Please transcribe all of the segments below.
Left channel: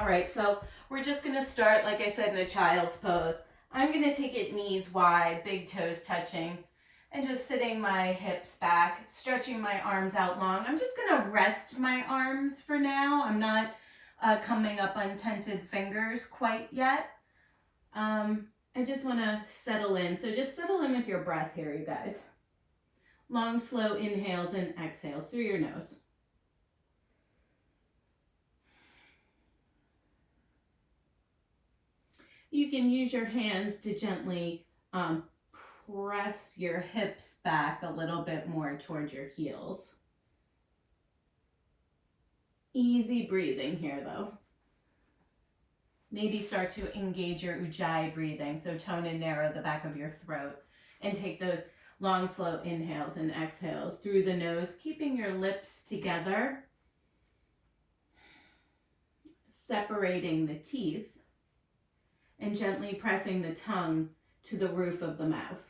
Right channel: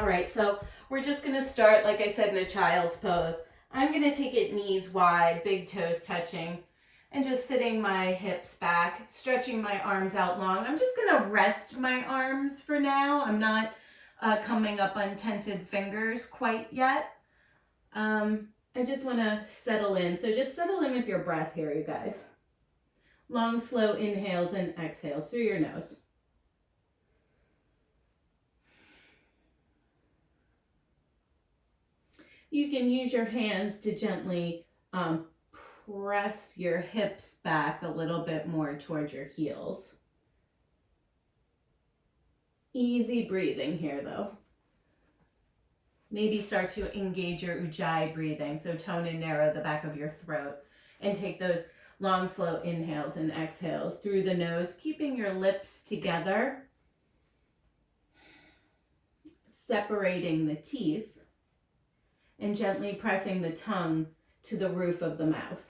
All right, so we're just gonna start, like I said, in a child's pose. I'm gonna take it knees wide, big toes touching, and just sitting my hips back, stretching my arms out long. I'm just gonna rest my arms for now. I'm not coming up on tented fingers quite yet. I just wanna settle in. So just settle in with your breath here, you guys. Long, slow inhales and exhales through your nose. You can use your hands to gently press your hips back a little bit more towards your heels. Easy breathing here though. Maybe start to engage your ujjayi breathing, so tone and narrow the back of your throat, and take those long, slow inhales and exhales through the nose, keeping your lips together, separating the teeth, and gently pressing the tongue to the roof of the mouth.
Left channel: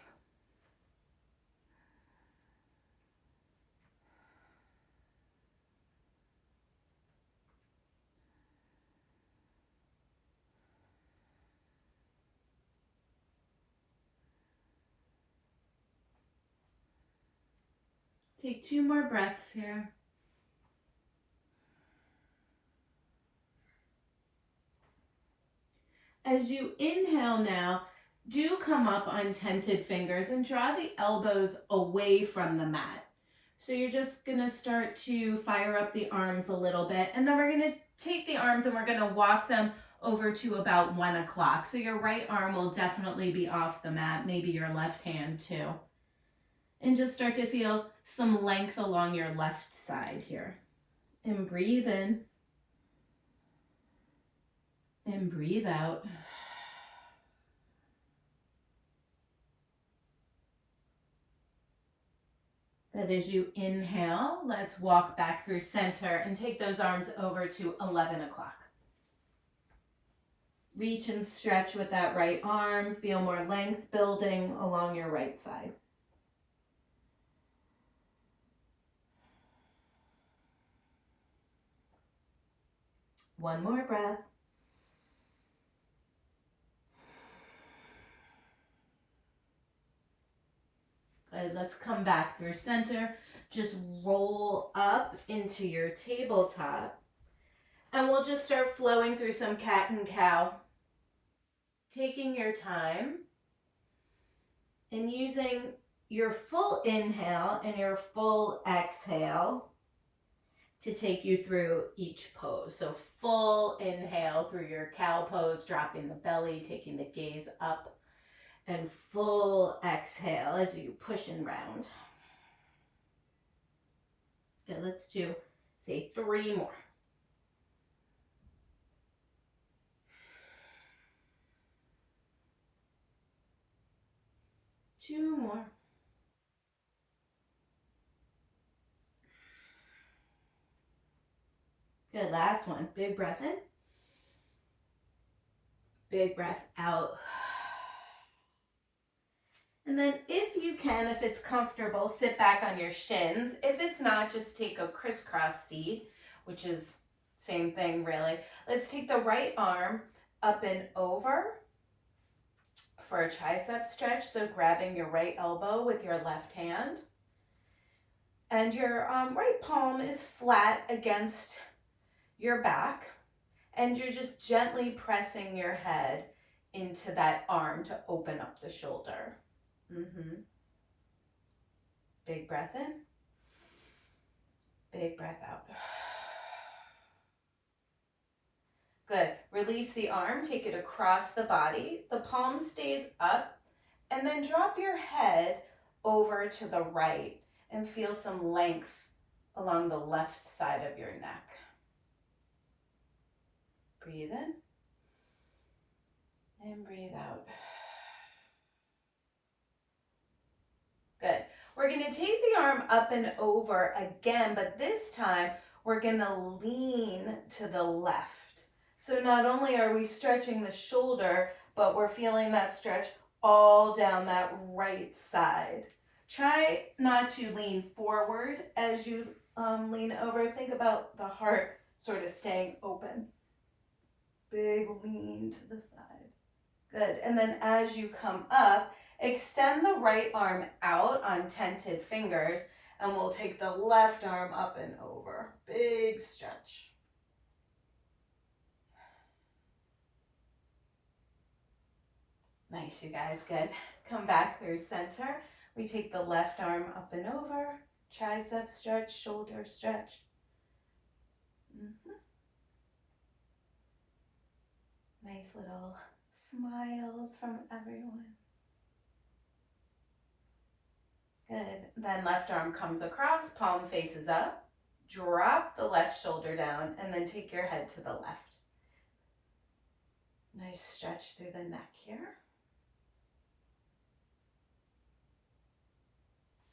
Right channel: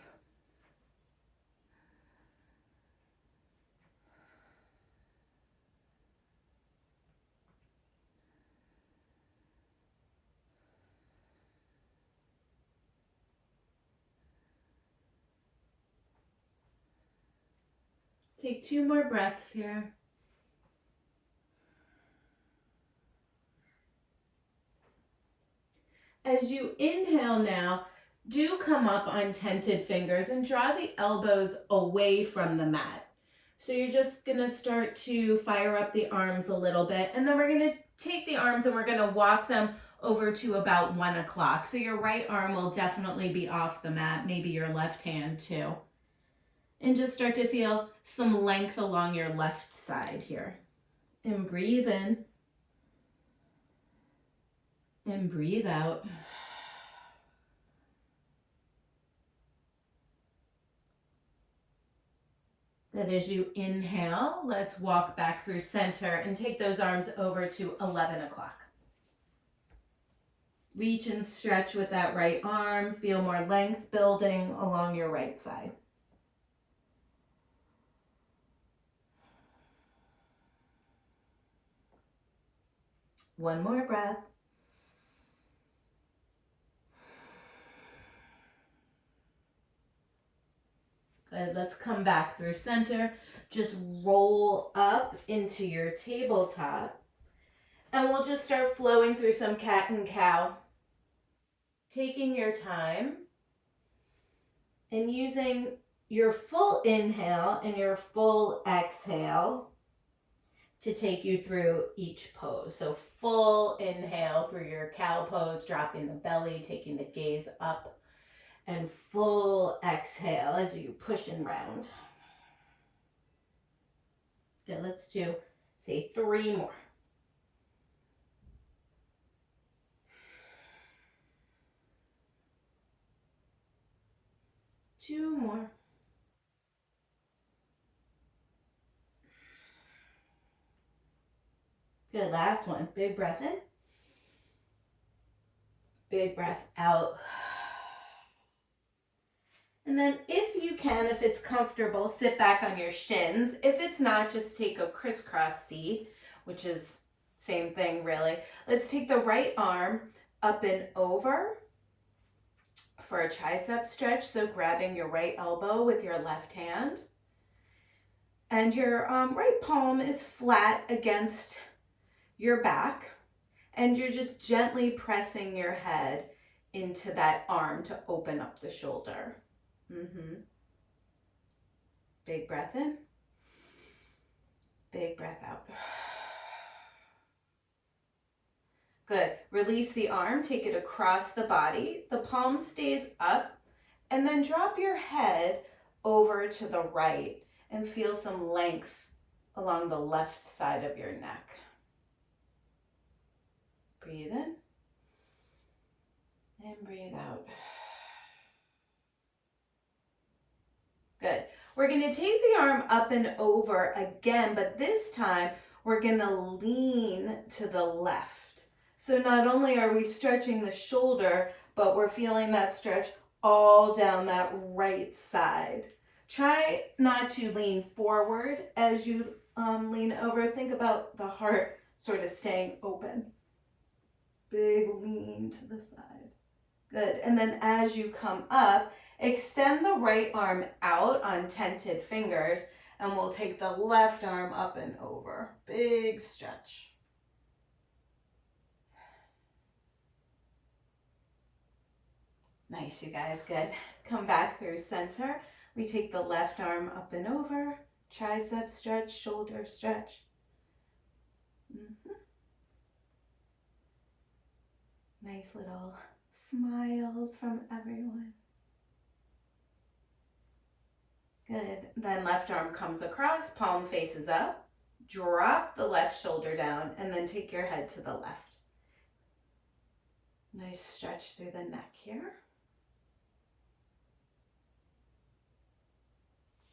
Take 2 more breaths here. As you inhale now, do come up on tented fingers and draw the elbows away from the mat. So you're just gonna start to fire up the arms a little bit, and then we're gonna take the arms and we're gonna walk them over to about 1 o'clock. So your right arm will definitely be off the mat, maybe your left hand too. And just start to feel some length along your left side here. And breathe in. And breathe out. That as you inhale, let's walk back through center and take those arms over to 11 o'clock. Reach and stretch with that right arm. Feel more length building along your right side. One more breath. Good, let's come back through center. Just roll up into your tabletop. And we'll just start flowing through some cat and cow. Taking your time and using your full inhale and your full exhale to take you through each pose. So full inhale through your cow pose, dropping the belly, taking the gaze up, and full exhale as you push and round. Good, let's do, say 3 more. Two more. Good, last one. Big breath in. Big breath out. And then if you can, if it's comfortable, sit back on your shins. If it's not, just take a crisscross seat, which is same thing really. Let's take the right arm up and over for a tricep stretch. So grabbing your right elbow with your left hand. And your right palm is flat against your back. And you're just gently pressing your head into that arm to open up the shoulder. Big breath in. Big breath out. Good. Release the arm, take it across the body. The palm stays up, and then drop your head over to the right and feel some length along the left side of your neck. Breathe in and breathe out. Good. We're going to take the arm up and over again, but this time we're going to lean to the left. So not only are we stretching the shoulder, but we're feeling that stretch all down that right side. Try not to lean forward as you lean over. Think about the heart sort of staying open. Big lean to the side. Good. And then as you come up, extend the right arm out on tented fingers, and we'll take the left arm up and over. Big stretch. Nice, you guys. Good. Come back through center. We take the left arm up and over. Tricep stretch, shoulder stretch. Nice little smiles from everyone. Good. Then left arm comes across, palm faces up. Drop the left shoulder down and then take your head to the left. Nice stretch through the neck here.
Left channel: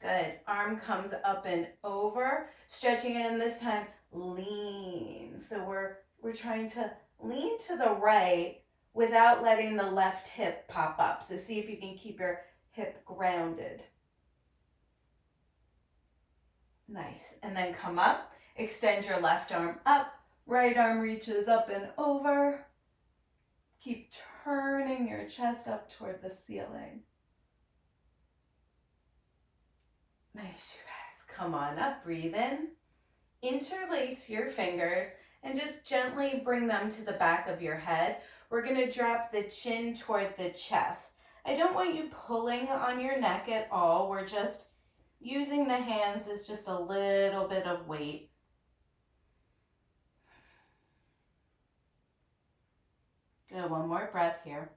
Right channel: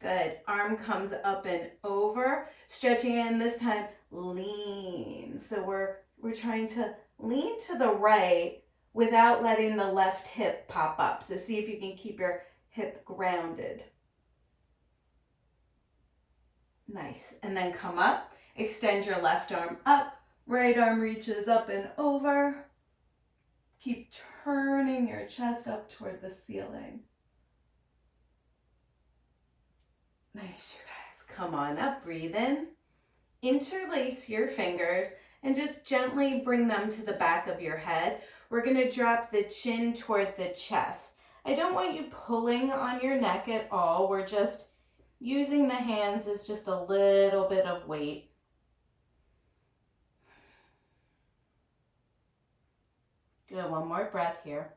Good. Arm comes up and over, stretching in this time, lean. So we're trying to lean to the right without letting the left hip pop up. So see if you can keep your hip grounded. Nice. And then come up, extend your left arm up, right arm reaches up and over. Keep turning your chest up toward the ceiling. Nice, you guys. Come on up, breathe in. Interlace your fingers and just gently bring them to the back of your head. We're going to drop the chin toward the chest. I don't want you pulling on your neck at all. We're just using the hands as just a little bit of weight. Good, one more breath here.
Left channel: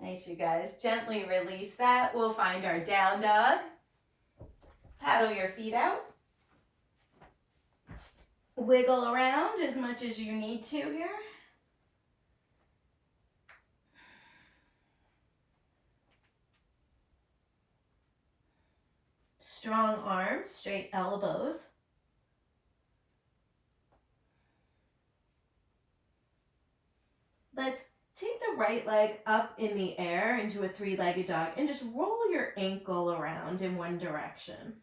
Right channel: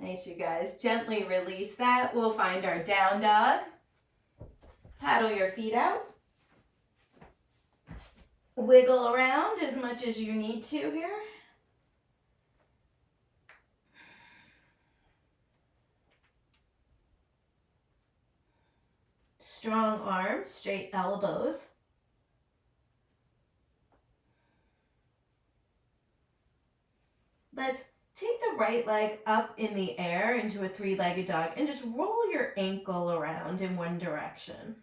Nice, you guys. Gently release that. We'll find our down dog. Paddle your feet out. Wiggle around as much as you need to here. Strong arms, straight elbows. Let's take the right leg up in the air into a three-legged dog and just roll your ankle around in one direction.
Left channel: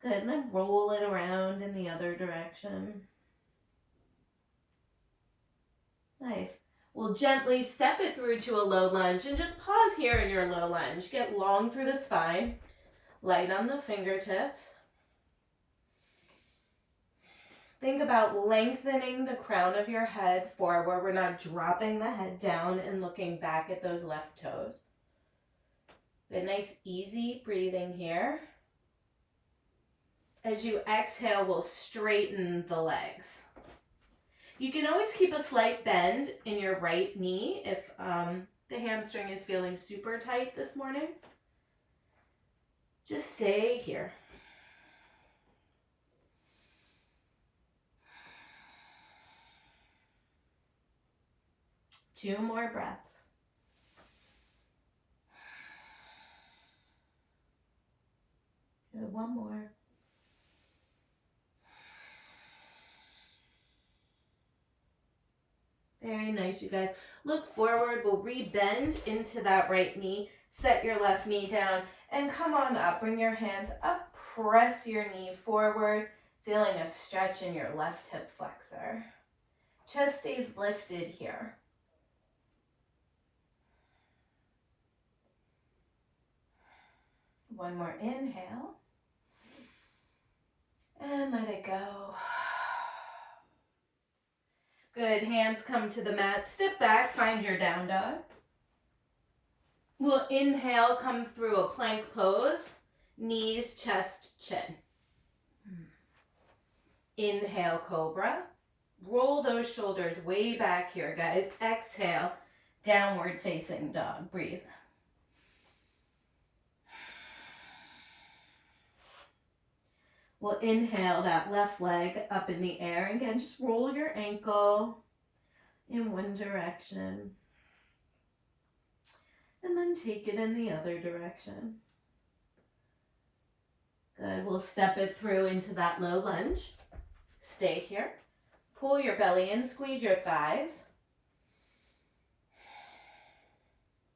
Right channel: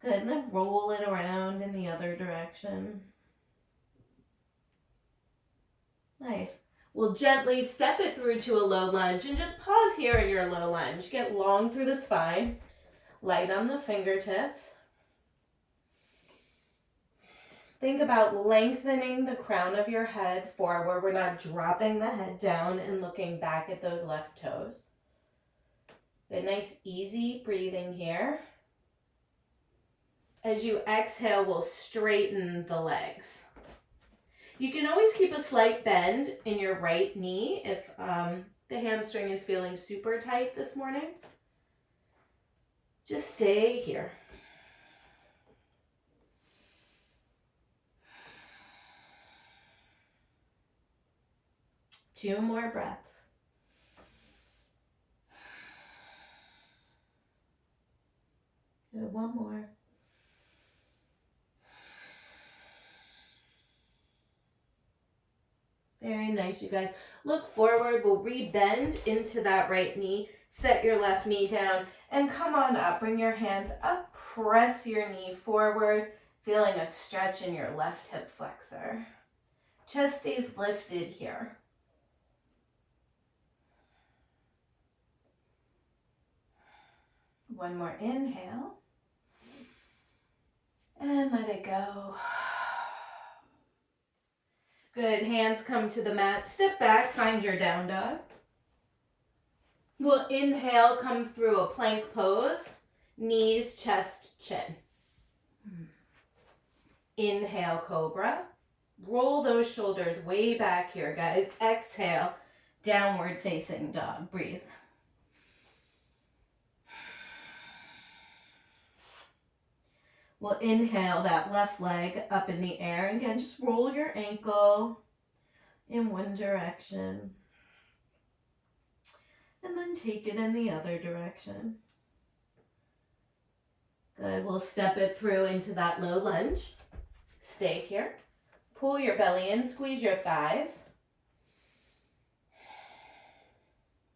Good, and then roll it around in the other direction. Nice. We'll gently step it through to a low lunge and just pause here in your low lunge. Get long through the spine, light on the fingertips. Think about lengthening the crown of your head forward. We're not dropping the head down and looking back at those left toes. Good, nice, easy breathing here. As you exhale, we'll straighten the legs. You can always keep a slight bend in your right knee if the hamstring is feeling super tight this morning. Just stay here. Two more breaths. Good, one more. Very nice, you guys. Look forward. We'll re-bend into that right knee. Set your left knee down and come on up. Bring your hands up. Press your knee forward, feeling a stretch in your left hip flexor. Chest stays lifted here. One more inhale. And let it go. Good, hands come to the mat. Step back, find your down dog. We'll inhale, come through a plank pose. Knees, chest, chin. Inhale, cobra. Roll those shoulders way back here, guys. Exhale, downward facing dog. Breathe. We'll inhale that left leg up in the air. Again, just roll your ankle in one direction. And then take it in the other direction. Good. We'll step it through into that low lunge. Stay here. Pull your belly in, squeeze your thighs.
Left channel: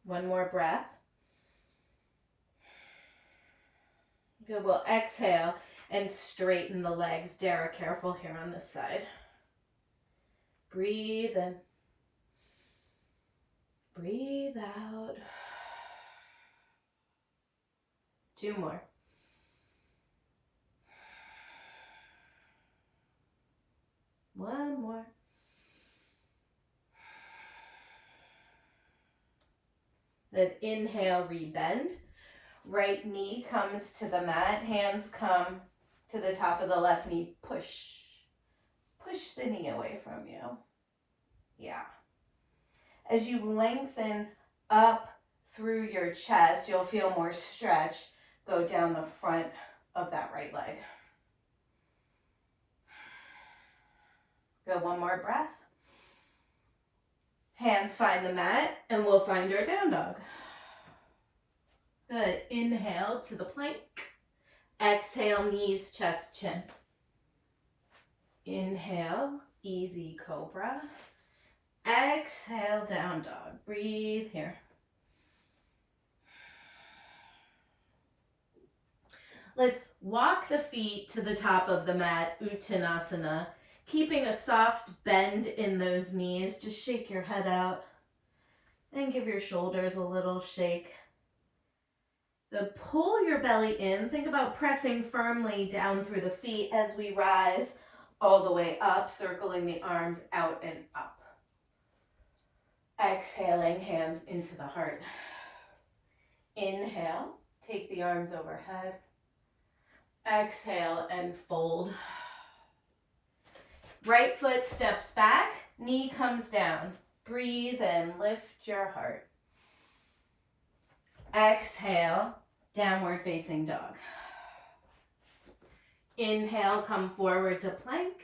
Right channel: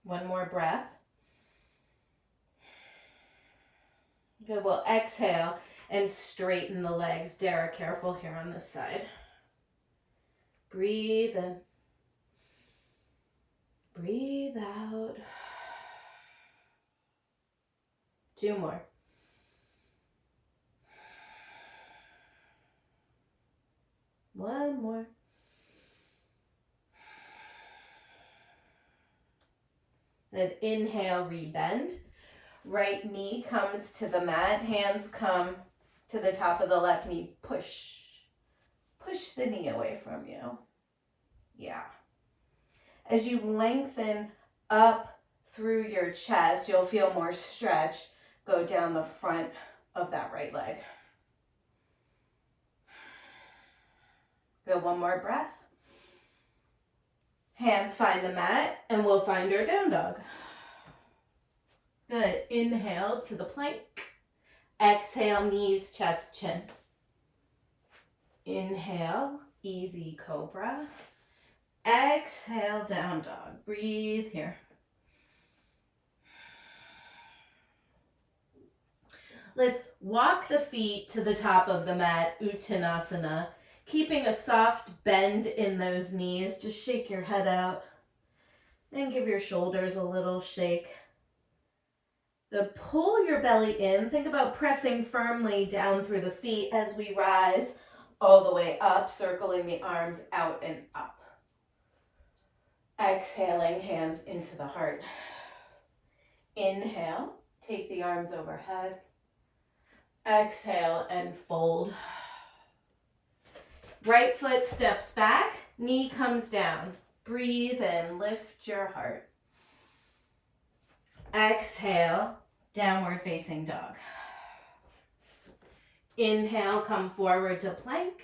One more breath. Good. We'll exhale and straighten the legs. Dara, careful here on this side. Breathe in. Breathe out. 2 more. One more. Then inhale, rebend. Right knee comes to the mat. Hands come to the top of the left knee. Push. Push the knee away from you. Yeah. As you lengthen up through your chest, you'll feel more stretch go down the front of that right leg. Good, 1 more breath. Hands find the mat, and we'll find our down dog. Good, inhale to the plank. Exhale, knees, chest, chin. Inhale, easy cobra. Exhale, down dog. Breathe here. Let's walk the feet to the top of the mat, Uttanasana. Keeping a soft bend in those knees. Just shake your head out. Then give your shoulders a little shake. Then pull your belly in. Think about pressing firmly down through the feet as we rise all the way up, circling the arms out and up. Exhaling, hands into the heart. Inhale, take the arms overhead. Exhale and fold. Right foot steps back, knee comes down. Breathe and lift your heart. Exhale, downward facing dog. Inhale, come forward to plank.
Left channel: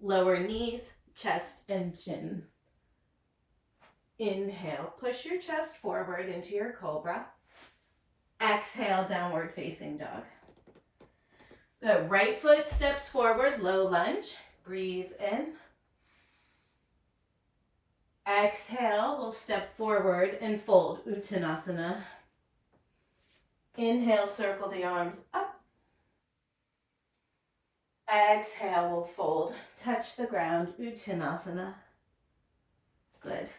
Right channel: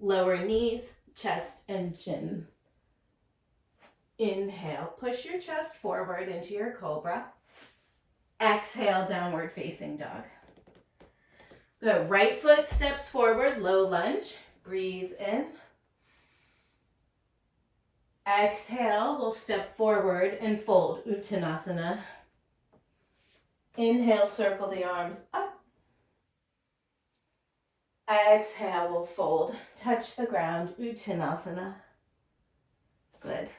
Lower knees, chest and chin. Inhale, push your chest forward into your cobra. Exhale, downward facing dog. Good, right foot steps forward, low lunge. Breathe in. Exhale, we'll step forward and fold, Uttanasana. Inhale, circle the arms up. Exhale, we'll fold, touch the ground, Uttanasana. Good.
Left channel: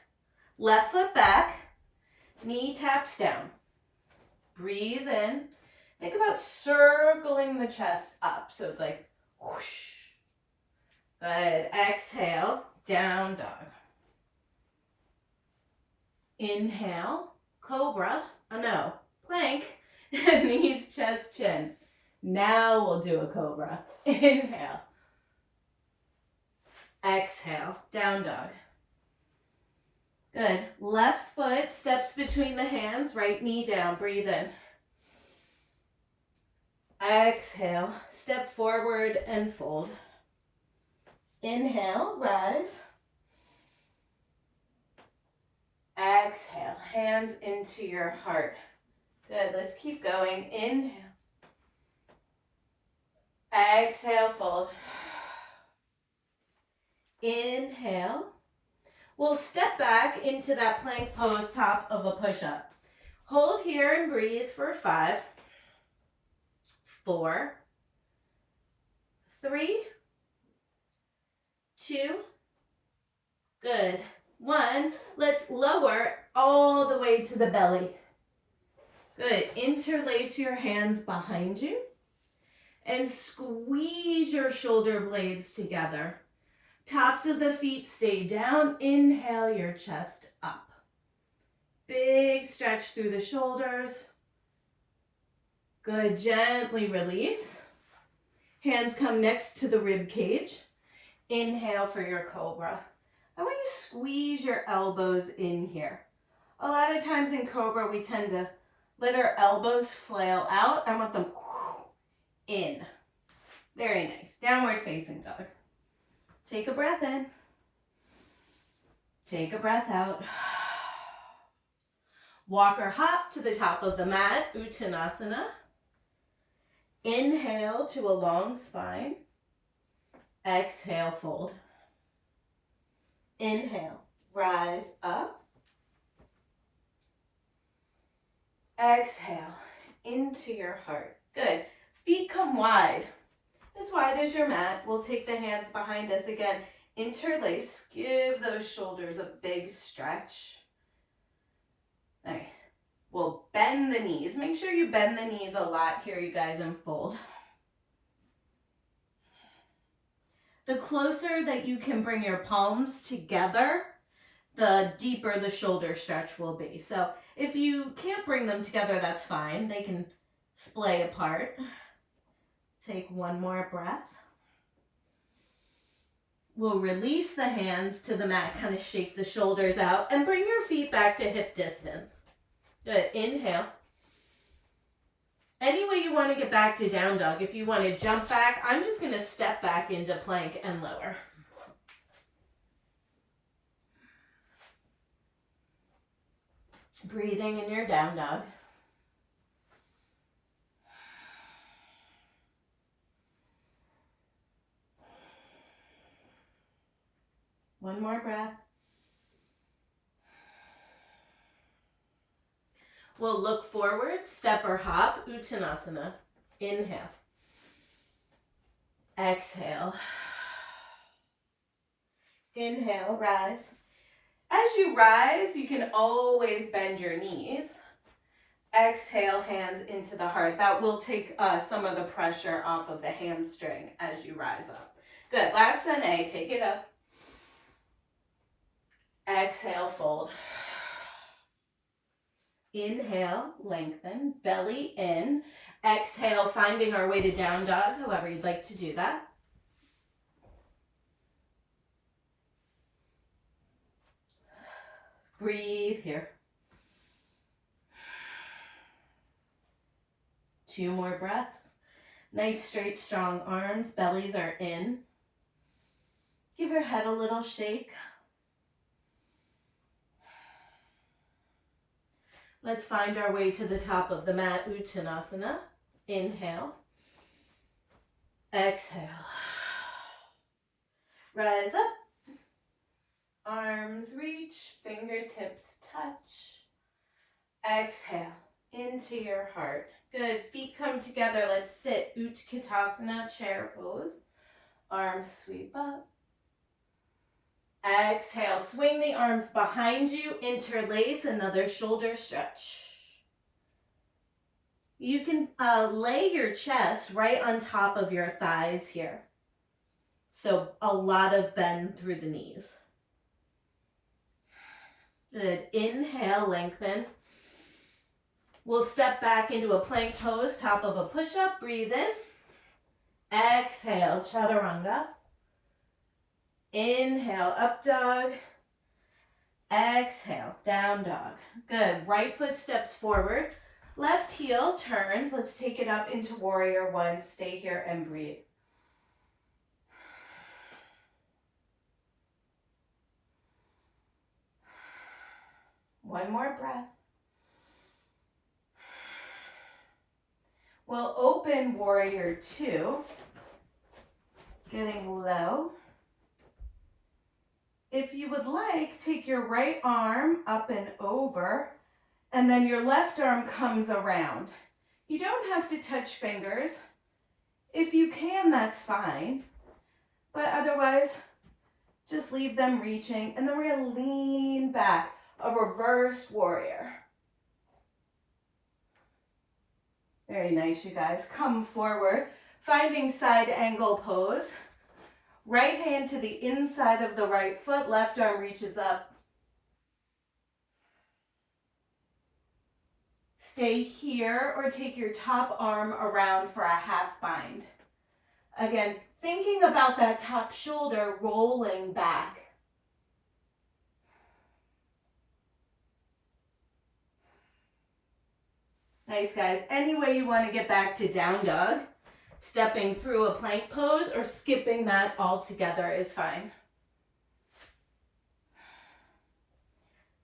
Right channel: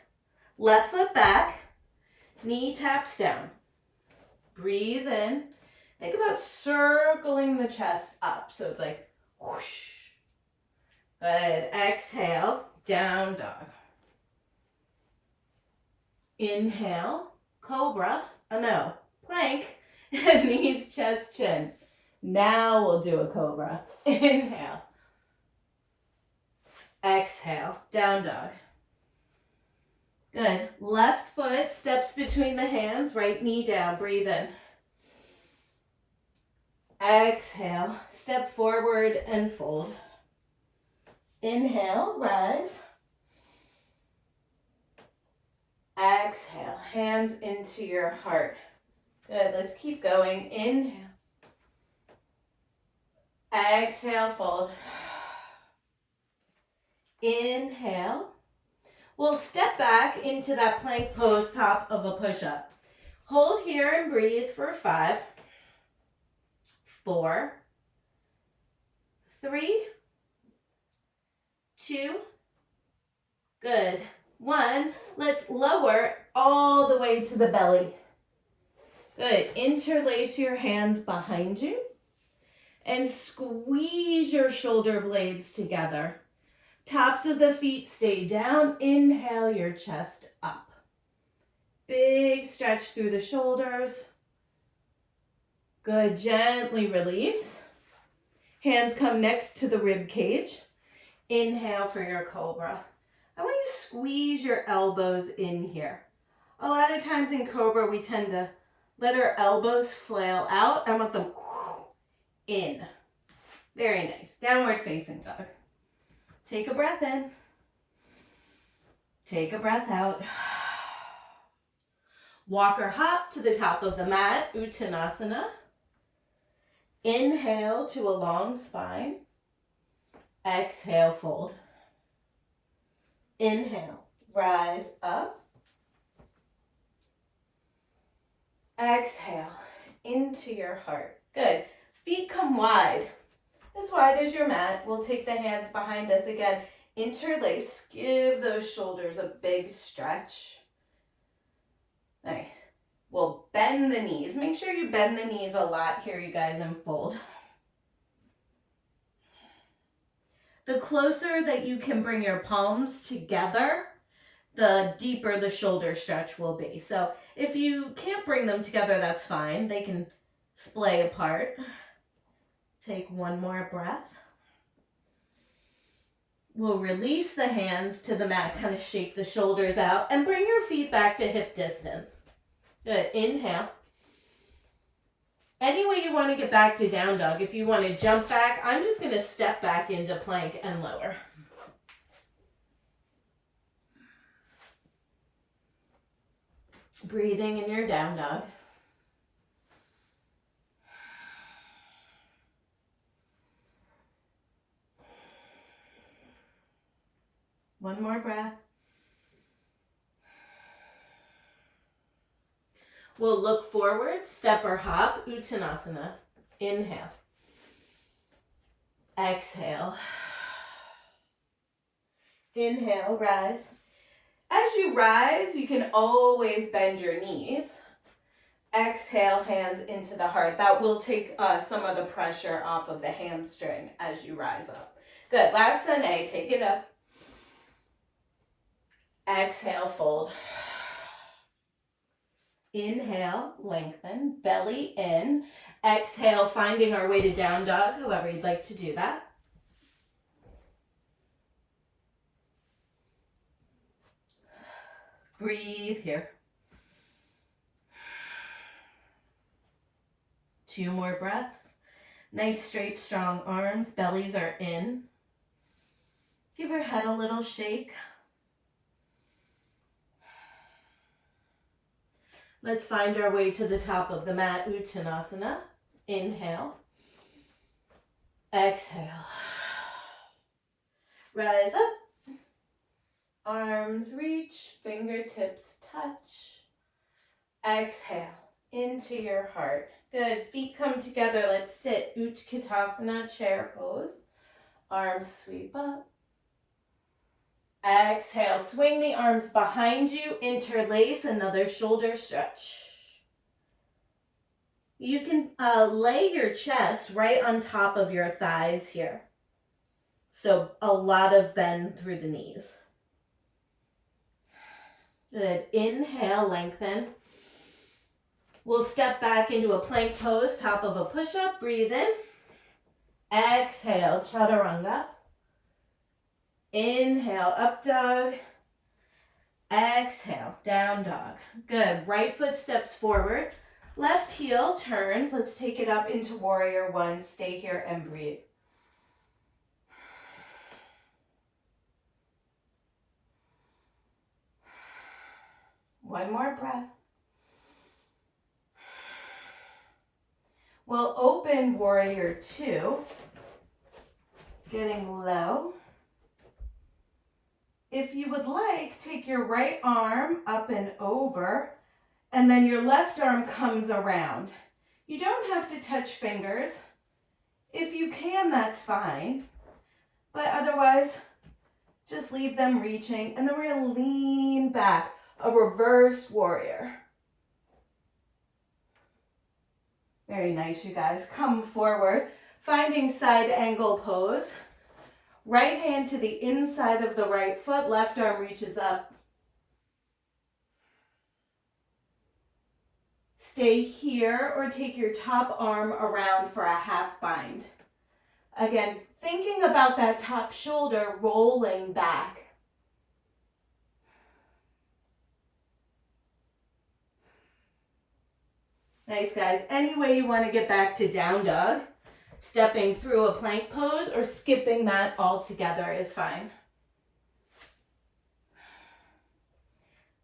Left foot back, knee taps down. Breathe in. Think about circling the chest up. So it's like whoosh. Good. Exhale, down dog. Inhale, cobra. Oh no, plank. Knees, chest, chin. Now we'll do a cobra. Inhale. Exhale, down dog. Good. Left foot steps between the hands, right knee down. Breathe in. Exhale, step forward and fold. Inhale, rise. Exhale, hands into your heart. Good, let's keep going. Inhale. Exhale, fold. Inhale. We'll step back into that plank pose, top of a push-up. Hold here and breathe for 5, 4, 3, 2, good, 1. Let's lower all the way to the belly. Good, interlace your hands behind you and squeeze your shoulder blades together. Tops of the feet stay down. Inhale your chest up. Big stretch through the shoulders. Good, gently release. Hands come next to the rib cage. Inhale for your cobra. I want you to squeeze your elbows in here. A lot of times in cobra, we tend to let our elbows flail out. I want them in. Very nice. Downward facing dog. Take a breath in. Take a breath out. Walk or hop to the top of the mat, Uttanasana. Inhale to a long spine. Exhale, fold. Inhale, rise up. Exhale, into your heart. Good. Feet come wide, as wide as your mat. We'll take the hands behind us again. Interlace, give those shoulders a big stretch. Nice. We'll bend the knees. Make sure you bend the knees a lot here, you guys, and fold. The closer that you can bring your palms together, the deeper the shoulder stretch will be. So if you can't bring them together, that's fine. They can splay apart. Take one more breath. We'll release the hands to the mat, kind of shake the shoulders out, and bring your feet back to hip distance. Good, inhale. Any way you want to get back to down dog. If you want to jump back, I'm just going to step back into plank and lower. Breathing in your down dog. One more breath. We'll look forward, step or hop, Uttanasana. Inhale. Exhale. Inhale, rise. As you rise, you can always bend your knees. Exhale, hands into the heart. That will take some of the pressure off of the hamstring as you rise up. Good, last Sane, take it up. Exhale, fold. Inhale, lengthen, belly in. Exhale, finding our way to down dog, however you'd like to do that. Breathe here. 2 more breaths. Nice, straight, strong arms. Bellies are in. Give your head a little shake. Let's find our way to the top of the mat, Uttanasana. Inhale. Exhale. Rise up. Arms reach, fingertips touch. Exhale into your heart. Good, feet come together. Let's sit, Utkatasana, chair pose. Arms sweep up. Exhale, swing the arms behind you, interlace, another shoulder stretch. You can lay your chest right on top of your thighs here. So a lot of bend through the knees. Good, inhale, lengthen. We'll step back into a plank pose, top of a push-up, breathe in. Exhale, chaturanga. Inhale, up dog. Exhale, down dog. Good. Right foot steps forward. Left heel turns. Let's take it up into warrior one. Stay here and breathe. One more breath. We'll open warrior two. Getting low. If you would like, take your right arm up and over, and then your left arm comes around. You don't have to touch fingers. If you can, that's fine. But otherwise, just leave them reaching, and then we're gonna lean back, a reversed warrior. Very nice, you guys. Come forward, finding side angle pose. Right hand to the inside of the right foot, left arm reaches up. Stay here or take your top arm around for a half bind. Again, thinking about that top shoulder rolling back. Nice, guys. Any way you want to get back to down dog. Stepping through a plank pose or skipping mat altogether is fine.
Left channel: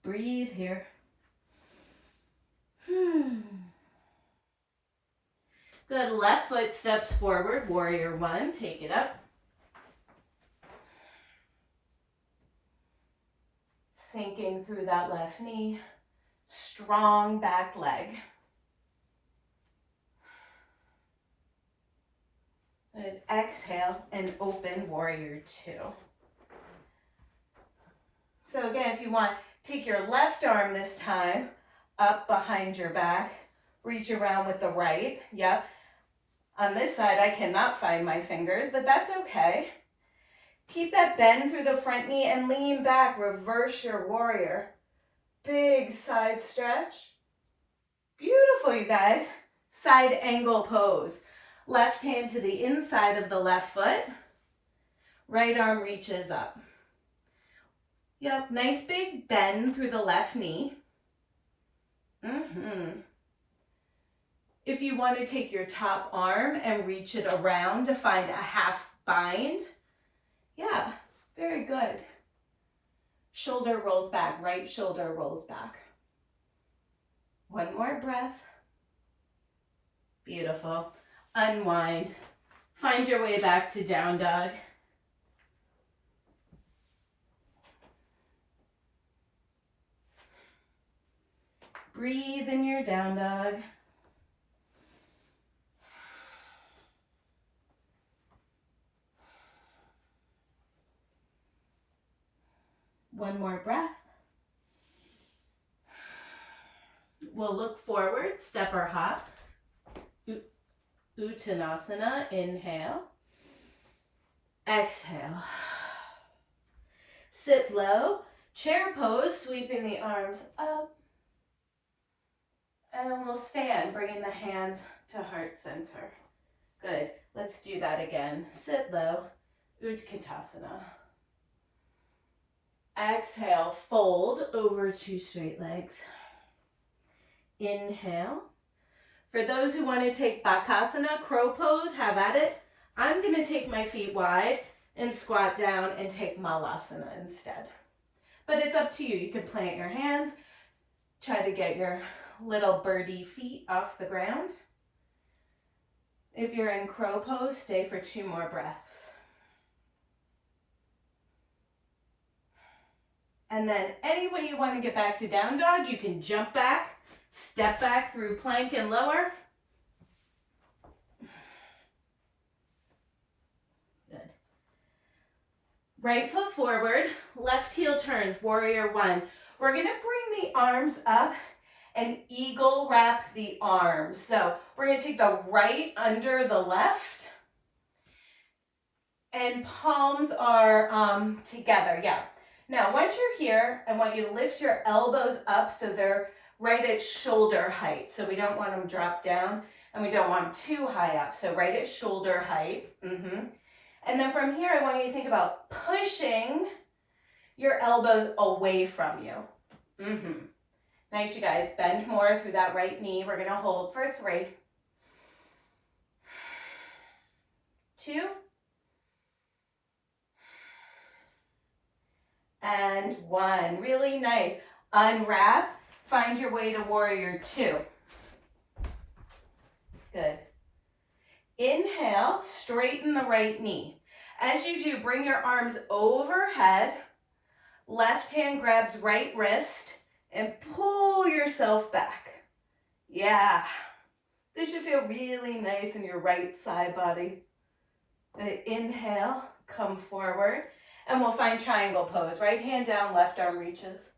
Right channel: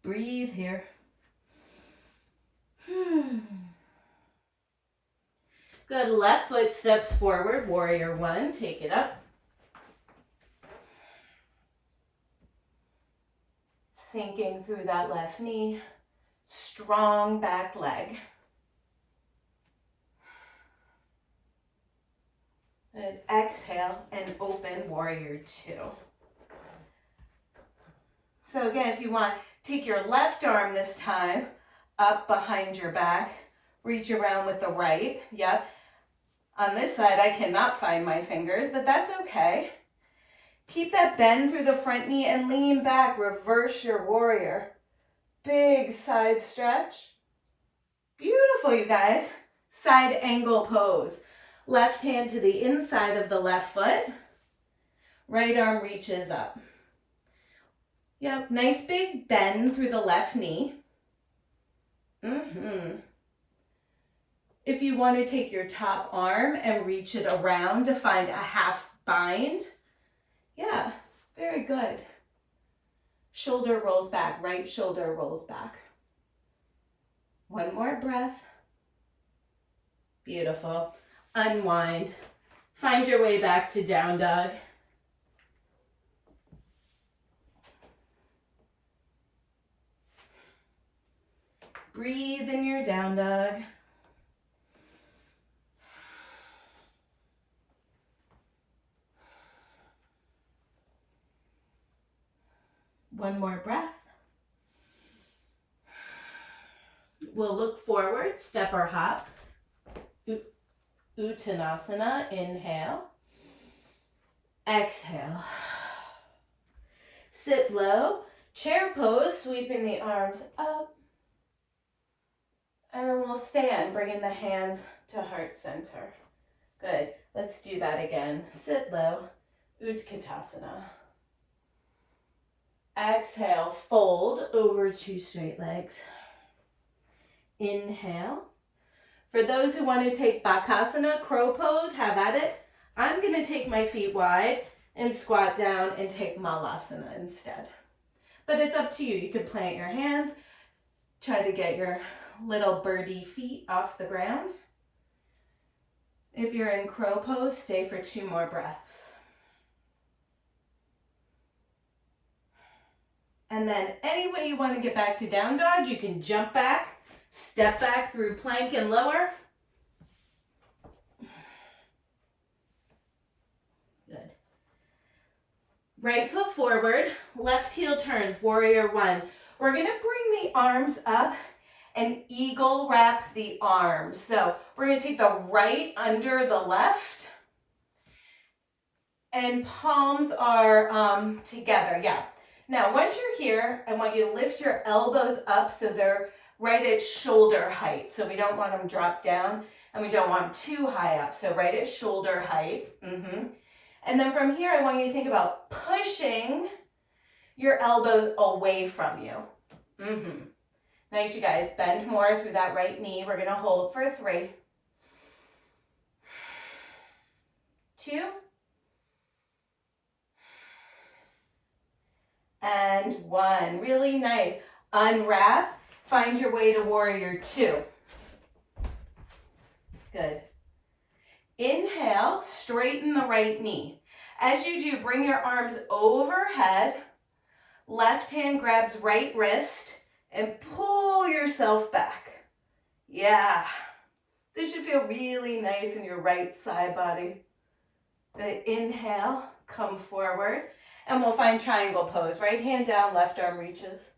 Breathe here. Good, left foot steps forward, warrior one, take it up. Sinking through that left knee, strong back leg. Good. Exhale and open warrior two. So again, if you want, take your left arm this time up behind your back, reach around with the right. Yep. On this side, I cannot find my fingers, but that's okay. Keep that bend through the front knee and lean back, reverse your warrior. Big side stretch. Beautiful, you guys. Side angle pose. Left hand to the inside of the left foot. Right arm reaches up. Yep, nice big bend through the left knee. If you want to take your top arm and reach it around to find a half bind. Yeah, very good. Shoulder rolls back, right shoulder rolls back. One more breath. Beautiful. Unwind. Find your way back to down dog. Breathe in your down dog. One more breath. We'll look forward, step or hop. Uttanasana, inhale. Exhale. Sit low, chair pose, sweeping the arms up. And then we'll stand, bringing the hands to heart center. Good. Let's do that again. Sit low, Utkatasana. Exhale, fold over two straight legs. Inhale. For those who want to take Bakasana, crow pose, have at it. I'm going to take my feet wide and squat down and take Malasana instead. But it's up to you. You can plant your hands, try to get your little birdie feet off the ground. If you're in crow pose, stay for 2 more breaths. And then any way you want to get back to down dog, you can jump back, step back through plank and lower. Good. Right foot forward, left heel turns, warrior one. We're going to bring the arms up and eagle wrap the arms. So we're going to take the right under the left and palms are together. Yeah. Now, once you're here, I want you to lift your elbows up so they're right at shoulder height. So we don't want them drop down and we don't want them too high up. So right at shoulder height. And then from here, I want you to think about pushing your elbows away from you. Nice, you guys. Bend more through that right knee. We're going to hold for 3, 2, and 1. Really nice. Unwrap. Find your way to warrior 2. Good. Inhale, straighten the right knee. As you do, bring your arms overhead. Left hand grabs right wrist and pull yourself back. Yeah. This should feel really nice in your right side body. Good. Inhale, come forward. And we'll find triangle pose. Right hand down, left arm reaches.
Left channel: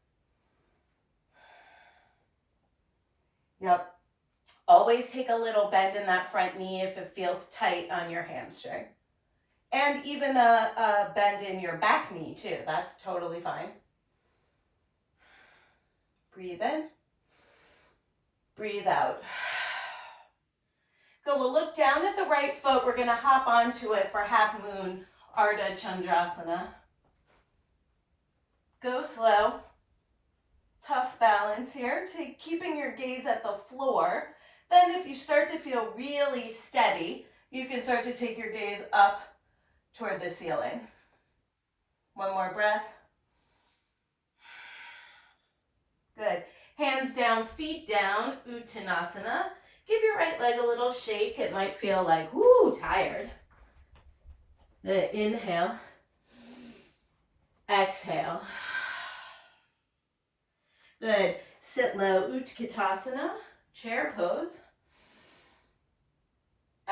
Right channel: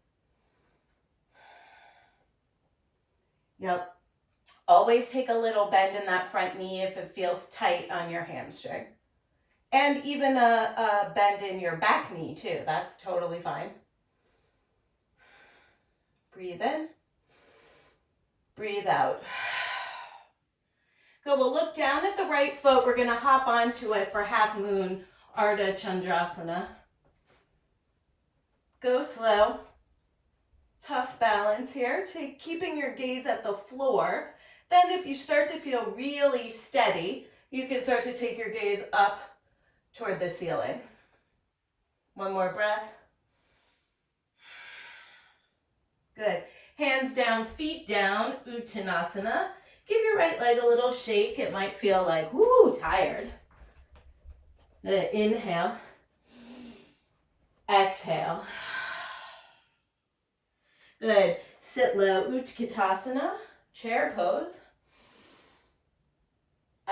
Yep. Always take a little bend in that front knee if it feels tight on your hamstring. And even a bend in your back knee too. That's totally fine. Breathe in. Breathe out. Go, we'll look down at the right foot. We're going to hop onto it for half moon Ardha Chandrasana. Go slow. Tough balance here. Keeping your gaze at the floor. Then if you start to feel really steady, you can start to take your gaze up toward the ceiling. One more breath. Good. Hands down, feet down, Uttanasana. Give your right leg a little shake. It might feel like, whoo, tired. Good. Inhale. Exhale. Good. Sit low, Utkatasana, chair pose.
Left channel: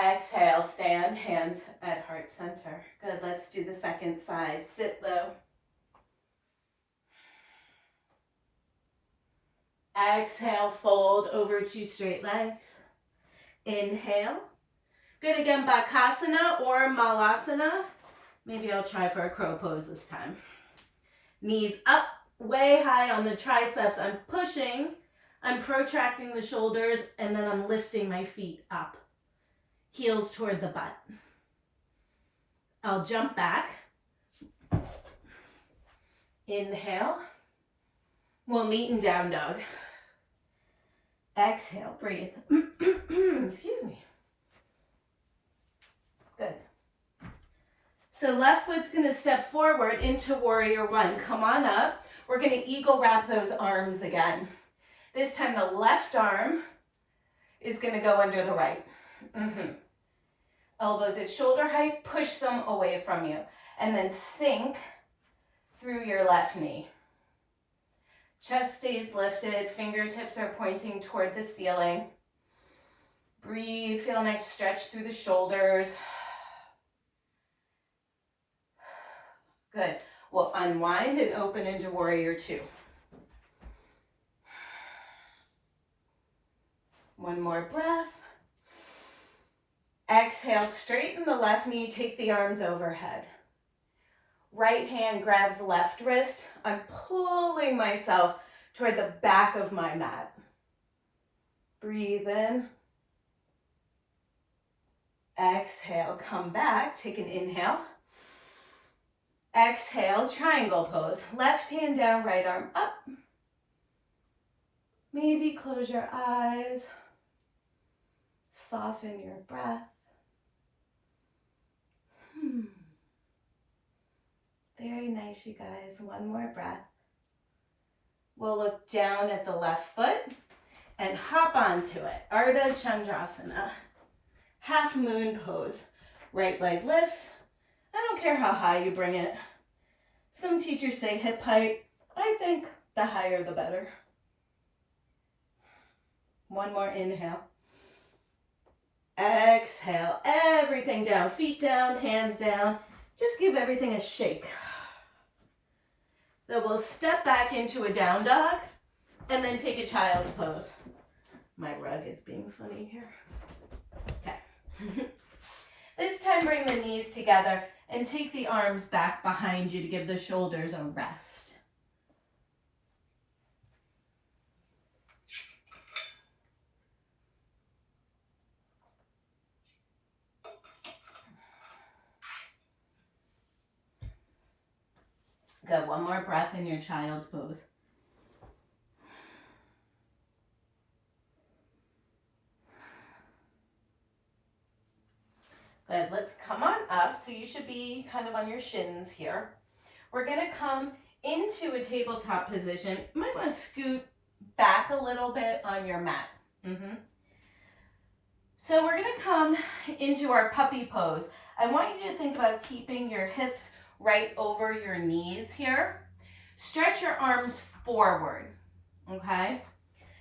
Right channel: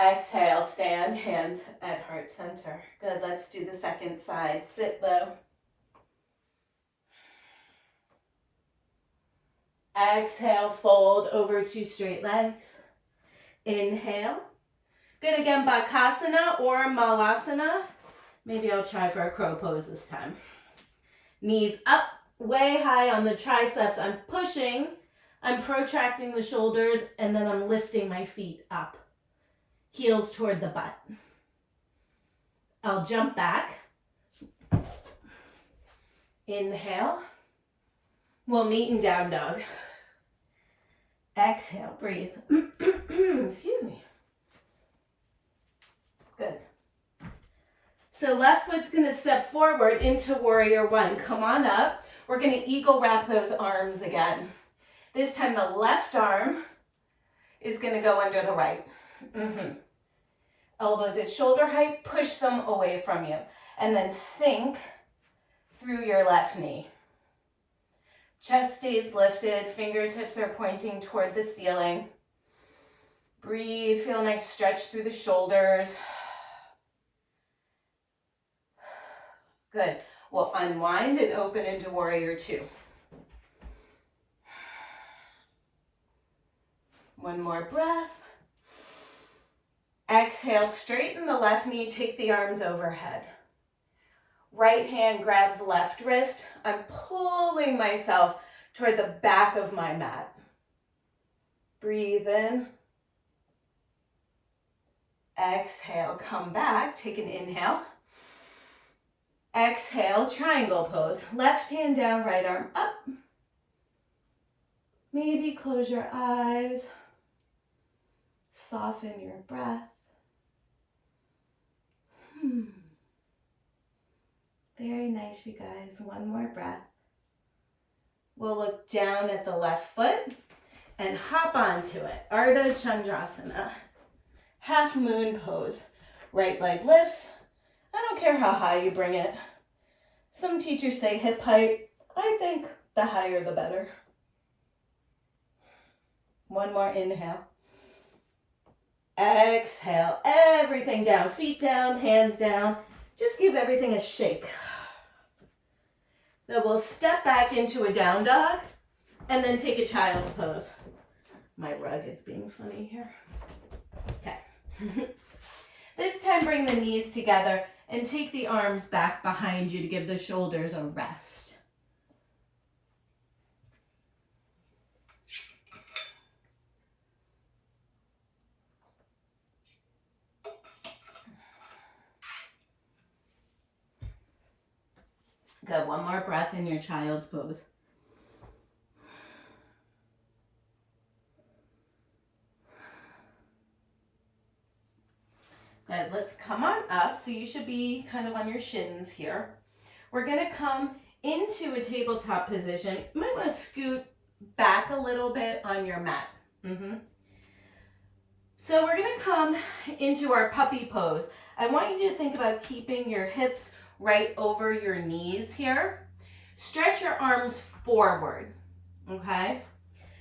Exhale, stand, hands at heart center. Good, let's do the second side. Sit low. Exhale, fold over two straight legs. Inhale. Good, again, Bakasana or Malasana. Maybe I'll try for a crow pose this time. Knees up, way high on the triceps. I'm pushing, I'm protracting the shoulders, and then I'm lifting my feet up. Heels toward the butt. I'll jump back. Inhale. We'll meet in down dog. Exhale, breathe. Excuse me. Good. So left foot's gonna step forward into warrior one. Come on up. We're gonna eagle wrap those arms again. This time the left arm is gonna go under the right. Elbows at shoulder height, push them away from you. And then sink through your left knee. Chest stays lifted, fingertips are pointing toward the ceiling. Breathe, feel a nice stretch through the shoulders. Good. We'll unwind and open into warrior two. One more breath. Exhale, straighten the left knee, take the arms overhead. Right hand grabs left wrist. I'm pulling myself toward the back of my mat. Breathe in. Exhale, come back, take an inhale. Exhale, triangle pose. Left hand down, right arm up. Maybe close your eyes. Soften your breath. Very nice, you guys. One more breath. We'll look down at the left foot and hop onto it. Ardha Chandrasana. Half moon pose. Right leg lifts. I don't care how high you bring it. Some teachers say hip height. I think the higher the better. One more inhale. Exhale, everything down. Feet down, hands down. Just give everything a shake. So we'll step back into a down dog and then take a child's pose. My rug is being funny here. Okay. This time bring the knees together and take the arms back behind you to give the shoulders a rest. Good, one more breath in your child's pose. Good, let's come on up. So you should be kind of on your shins here. We're gonna come into a tabletop position. You might wanna scoot back a little bit on your mat. So we're gonna come into our puppy pose. I want you to think about keeping your hips right over your knees here. Stretch your arms forward, okay?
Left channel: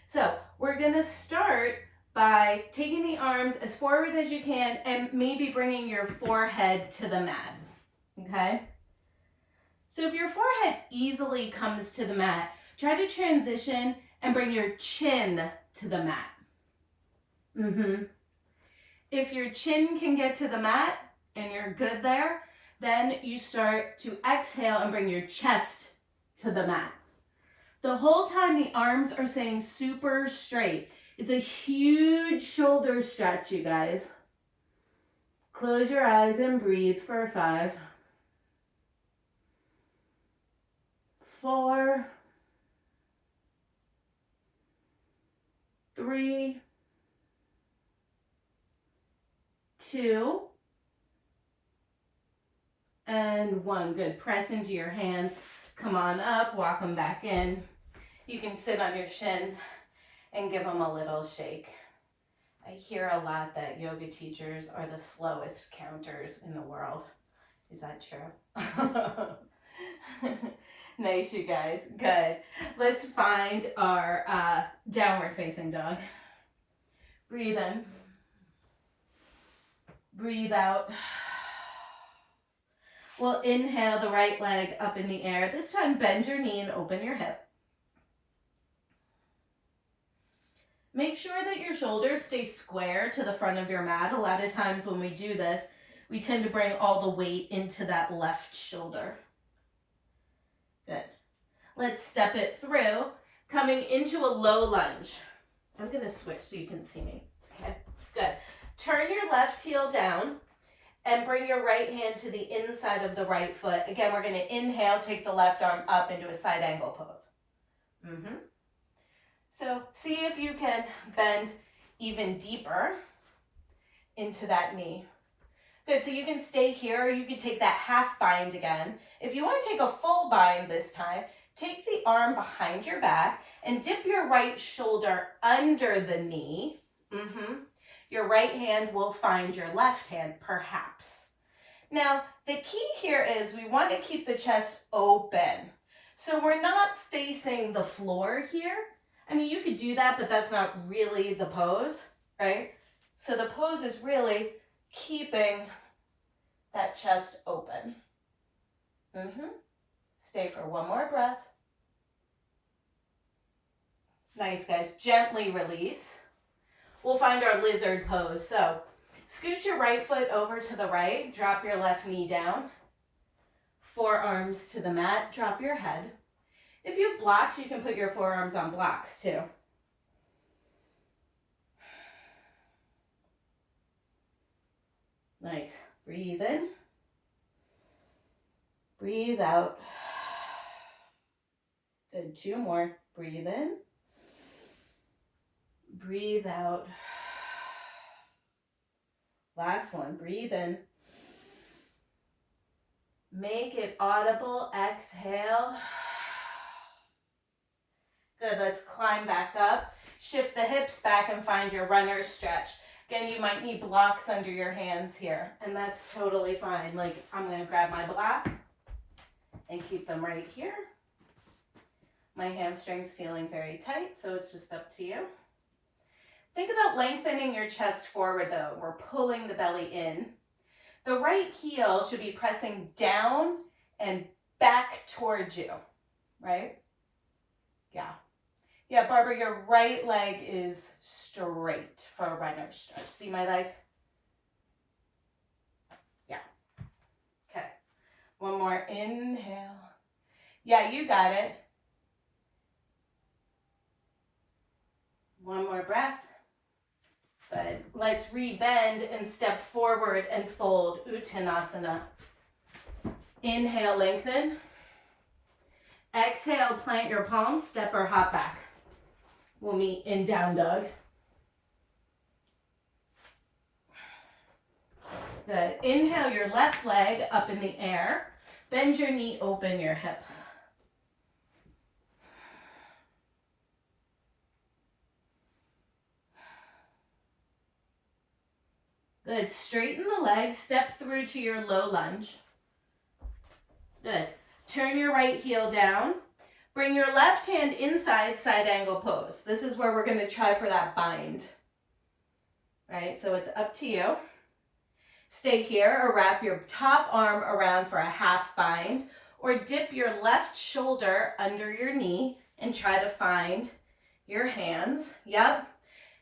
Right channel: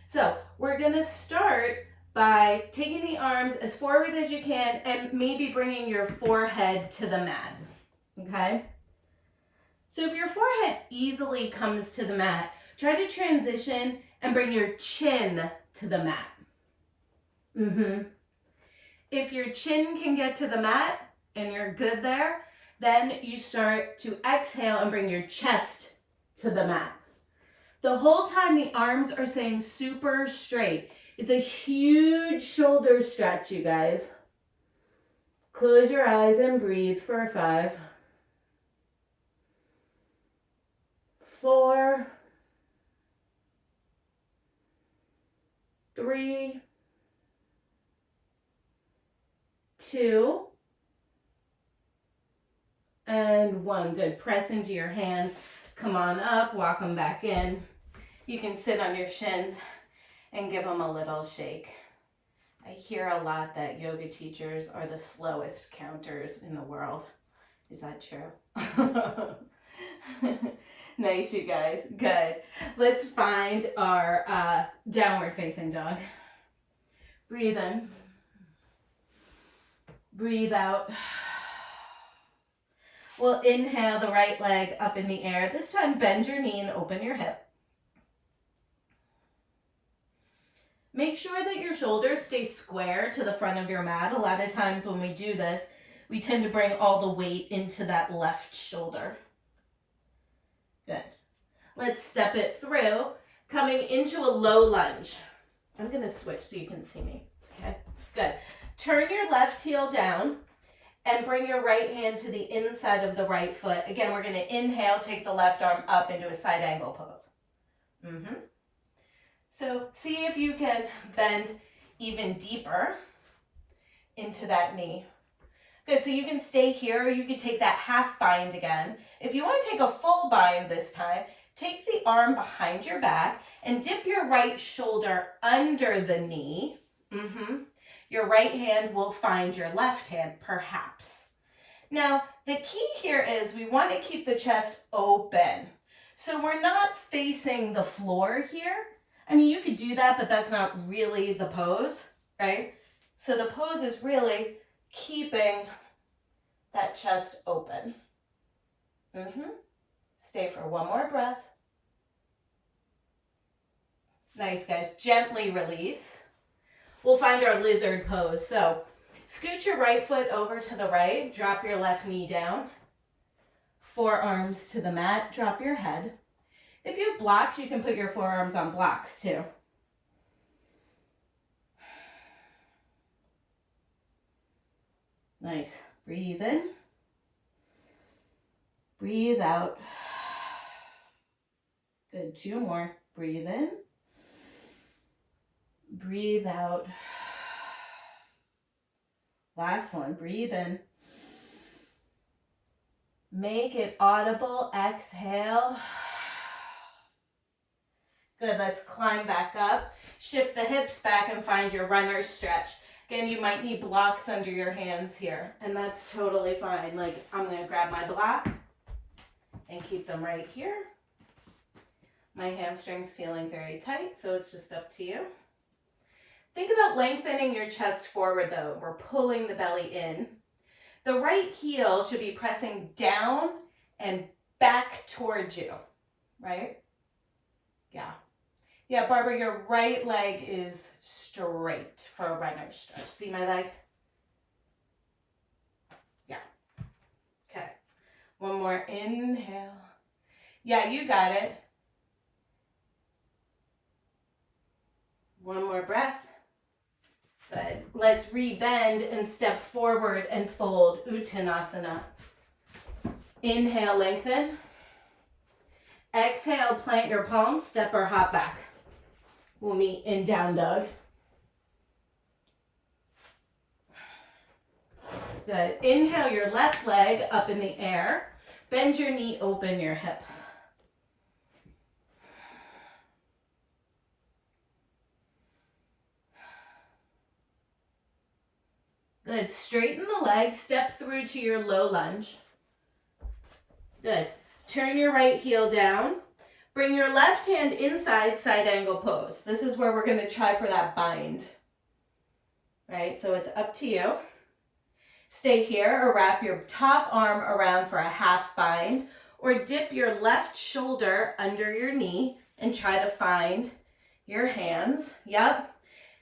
So we're gonna start by taking the arms as forward as you can and maybe bringing your forehead to the mat, okay? So if your forehead easily comes to the mat, try to transition and bring your chin to the mat. If your chin can get to the mat and you're good there, then you start to exhale and bring your chest to the mat. The whole time the arms are staying super straight. It's a huge shoulder stretch, you guys. Close your eyes and breathe for 5, 4, 3, 2, and 1. Good. Press into your hands. Come on up. Walk them back in. You can sit on your shins and give them a little shake. I hear a lot that yoga teachers are the slowest counters in the world. Is that true? Nice, you guys. Good. Let's find our downward facing dog. Breathe in. Breathe out. We'll inhale the right leg up in the air. This time, bend your knee and open your hip. Make sure that your shoulders stay square to the front of your mat. A lot of times when we do this, we tend to bring all the weight into that left shoulder. Good. Let's step it through, coming into a low lunge. I'm going to switch so you can see me. Okay, good. Turn your left heel down and bring your right hand to the inside of the right foot. Again, we're going to inhale, take the left arm up into a side angle pose. So see if you can bend even deeper into that knee. Good, so you can stay here or you can take that half bind again. If you want to take a full bind this time, take the arm behind your back and dip your right shoulder under the knee. Your right hand will find your left hand, perhaps. Now, the key here is we want to keep the chest open. So we're not facing the floor here. I mean, you could do that, but that's not really the pose, right? So the pose is really keeping that chest open. Stay for one more breath. Nice, guys. Gently release. We'll find our lizard pose. So scoot your right foot over to the right. Drop your left knee down. Forearms to the mat. Drop your head. If you have blocks, you can put your forearms on blocks too. Nice. Breathe in. Breathe out. Good. 2 more. Breathe in. Breathe out. Last one. Breathe in. Make it audible. Exhale. Good, let's climb back up. Shift the hips back and find your runner's stretch. Again, you might need blocks under your hands here, and that's totally fine. Like, I'm gonna grab my blocks and keep them right here. My hamstring's feeling very tight, so it's just up to you. Think about lengthening your chest forward though. We're pulling the belly in. The right heel should be pressing down and back towards you, right? Yeah. Yeah, Barbara, your right leg is straight for a runner's stretch. See my leg? Yeah. Okay. One more inhale. Yeah, you got it. One more breath. Good. Let's rebend and step forward and fold Uttanasana. Inhale, lengthen. Exhale, plant your palms, step or hop back. We'll meet in down dog. Good. Inhale your left leg up in the air. Bend your knee, open your hip. Good. Straighten the leg, step through to your low lunge. Good. Turn your right heel down. Bring your left hand inside side angle pose. This is where we're going to try for that bind. Right, so it's up to you. Stay here or wrap your top arm around for a half bind or dip your left shoulder under your knee and try to find your hands. Yep.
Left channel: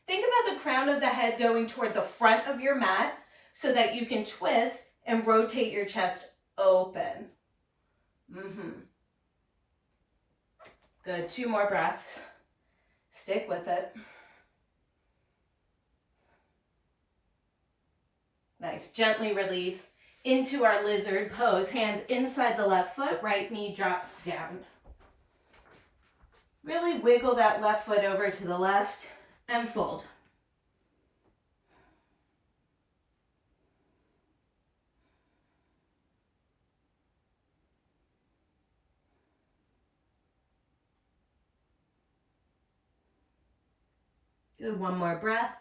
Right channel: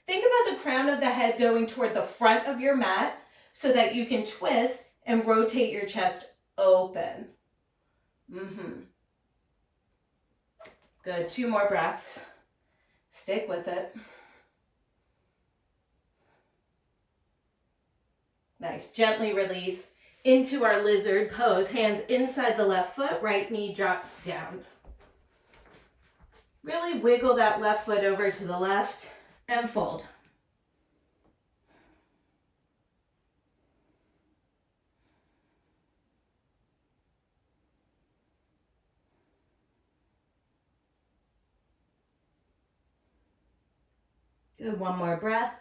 Think about the crown of the head going toward the front of your mat so that you can twist and rotate your chest open. Good. 2 more breaths. Stick with it. Nice. Gently release into our lizard pose. Hands inside the left foot. Right knee drops down. Really wiggle that left foot over to the left and fold. Do 1 more breath.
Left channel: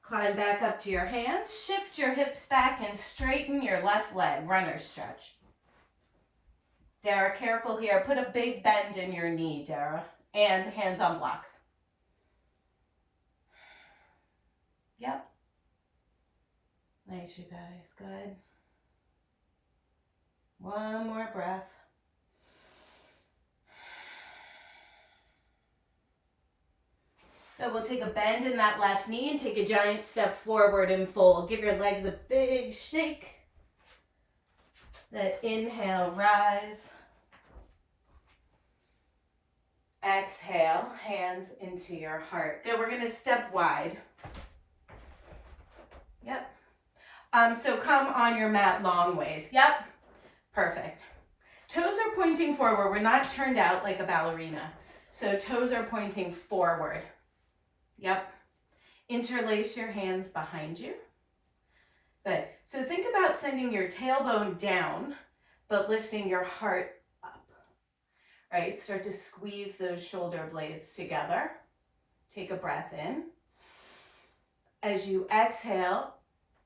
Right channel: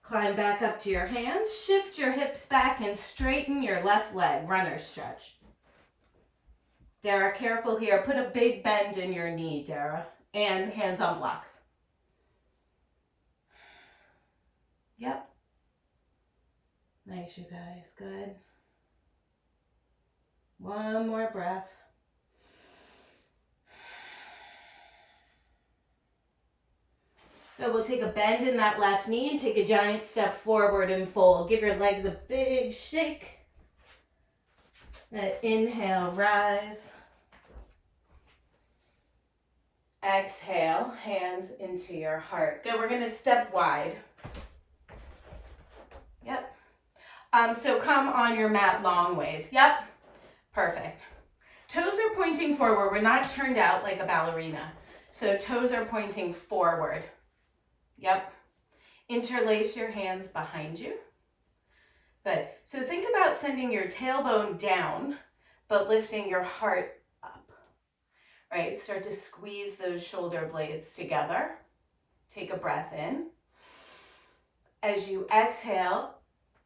Climb back up to your hands. Shift your hips back and straighten your left leg. Runner's stretch. Dara, careful here. Put a big bend in your knee, Dara. And hands on blocks. Yep. Nice, you guys. Good. One more breath. Good. We'll take a bend in that left knee and take a giant step forward and fold. Give your legs a big shake. Good. Inhale, rise. Exhale, hands into your heart. Good. We're going to step wide. Yep. So come on your mat long ways. Yep. Perfect. Toes are pointing forward. We're not turned out like a ballerina. So toes are pointing forward. Yep. Interlace your hands behind you. Good. So think about sending your tailbone down, but lifting your heart up. Right? Start to squeeze those shoulder blades together. Take a breath in. As you exhale,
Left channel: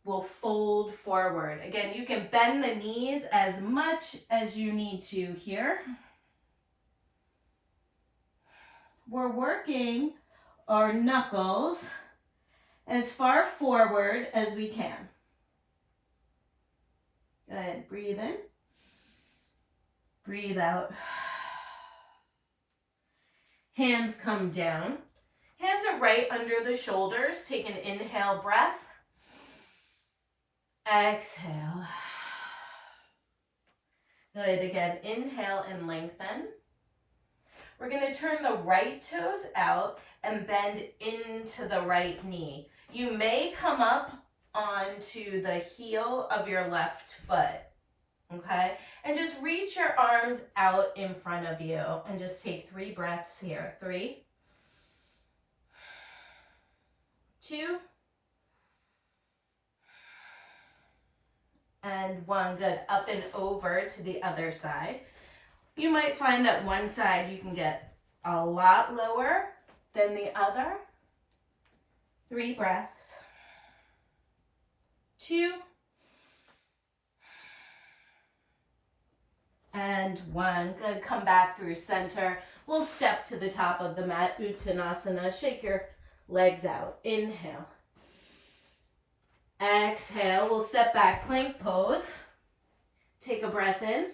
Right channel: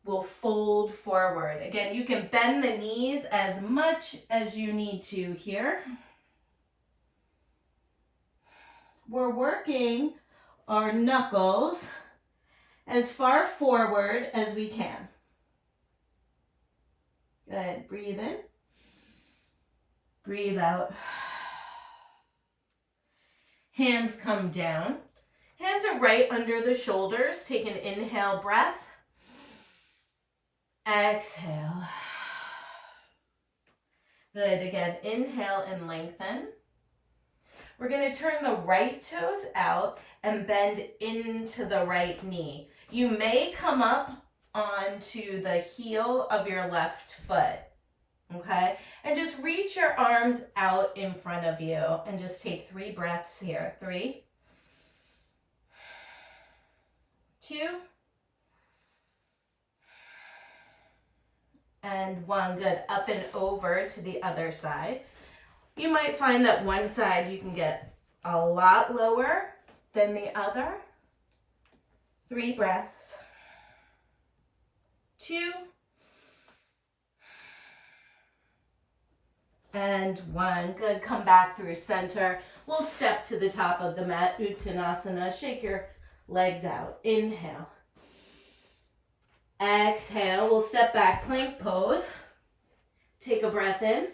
we'll fold forward. Again, you can bend the knees as much as you need to here. We're working our knuckles as far forward as we can. Good. Breathe in. Breathe out. Hands come down. Hands are right under the shoulders. Take an inhale breath. Exhale. Good. Again, inhale and lengthen. We're going to turn the right toes out and bend into the right knee. You may come up onto the heel of your left foot, okay? And just reach your arms out in front of you and just take 3 breaths here. 3, 2, and 1. Good. Up and over to the other side. You might find that one side you can get a lot lower than the other. 3 breaths. 2, and 1. Good. Come back through center. We'll step to the top of the mat, Uttanasana. Shake your legs out. Inhale. Exhale. We'll step back, plank pose. Take a breath in.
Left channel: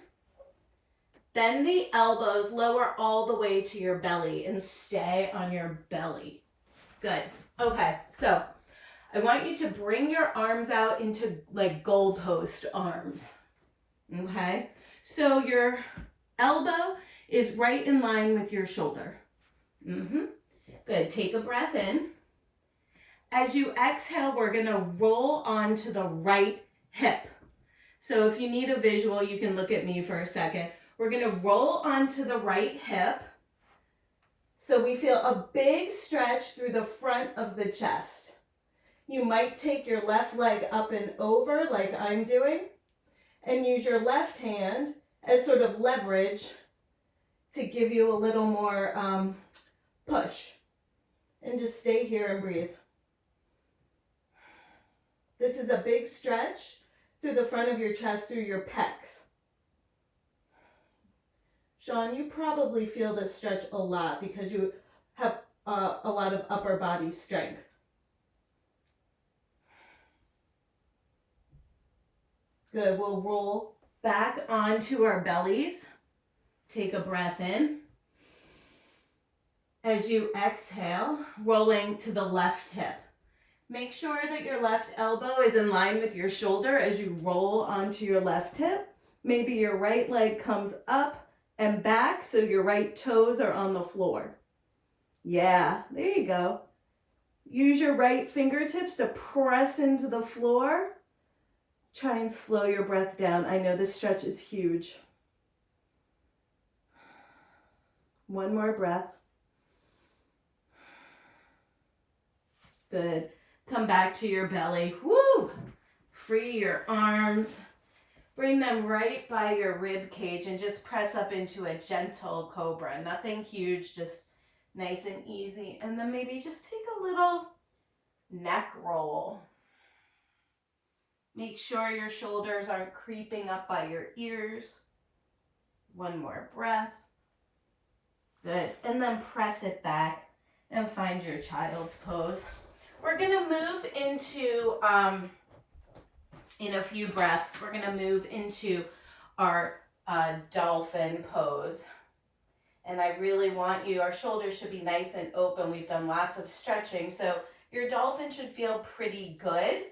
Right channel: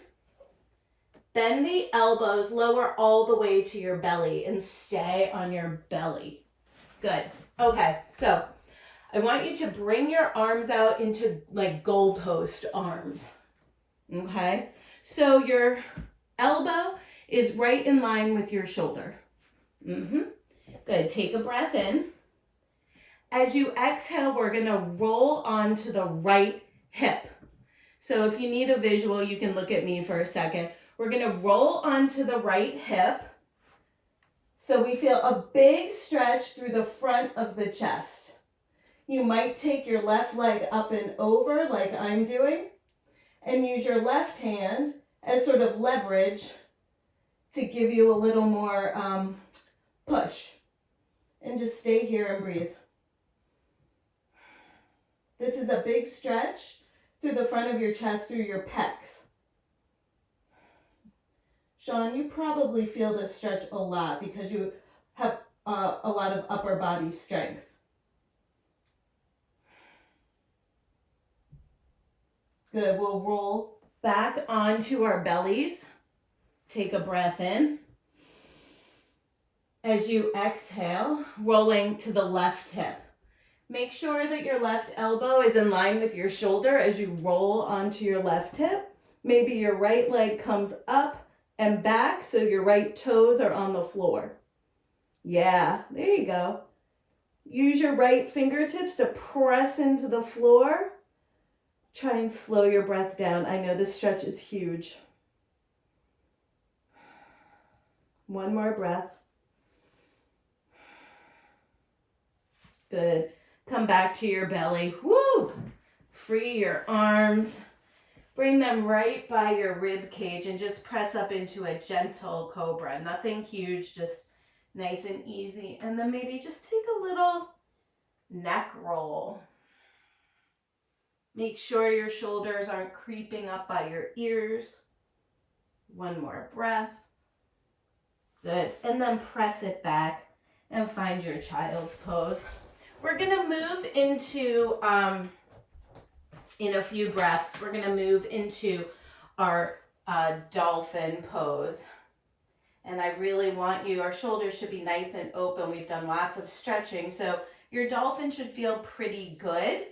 Bend the elbows, lower all the way to your belly and stay on your belly. Good. Okay, so I want you to bring your arms out into like goalpost arms. Okay? So your elbow is right in line with your shoulder. Good. Take a breath in. As you exhale, we're going to roll onto the right hip. So if you need a visual, you can look at me for a second. We're going to roll onto the right hip. So we feel a big stretch through the front of the chest. You might take your left leg up and over like I'm doing and use your left hand as sort of leverage to give you a little more push. And just stay here and breathe. This is a big stretch through the front of your chest, through your pecs. Sean, you probably feel this stretch a lot because you have a lot of upper body strength. Good. We'll roll back onto our bellies. Take a breath in. As you exhale, rolling to the left hip. Make sure that your left elbow is in line with your shoulder as you roll onto your left hip. Maybe your right leg comes up and back so your right toes are on the floor. Yeah, there you go. Use your right fingertips to press into the floor. Try and slow your breath down. I know this stretch is huge. One more breath. Good. Come back to your belly. Woo! Free your arms. Bring them right by your rib cage and just press up into a gentle cobra. Nothing huge, just nice and easy. And then maybe just take a little neck roll. Make sure your shoulders aren't creeping up by your ears. One more breath. Good. And then press it back and find your child's pose. We're going to move into, in a few breaths, we're going to move into our dolphin pose. And I really want you, our shoulders should be nice and open. We've done lots of stretching, so your dolphin should feel pretty good.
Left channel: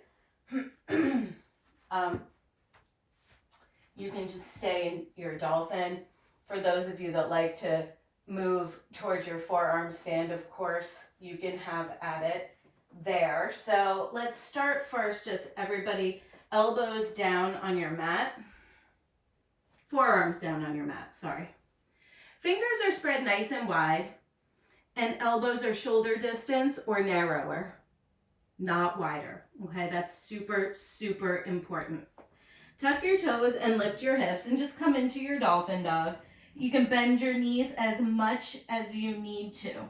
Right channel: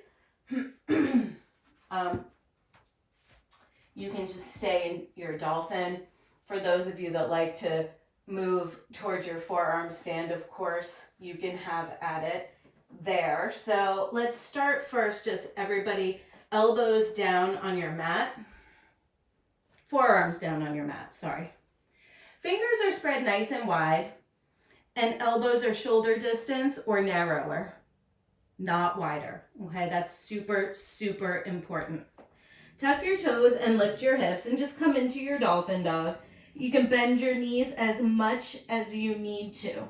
You can just stay in your dolphin. For those of you that like to move towards your forearm stand, of course, you can have at it there. So let's start first, just everybody elbows down on your mat. Forearms down on your mat, sorry. Fingers are spread nice and wide, and elbows are shoulder distance or narrower, not wider. Okay, that's super, super important. Tuck your toes and lift your hips and just come into your dolphin dog. You can bend your knees as much as you need to.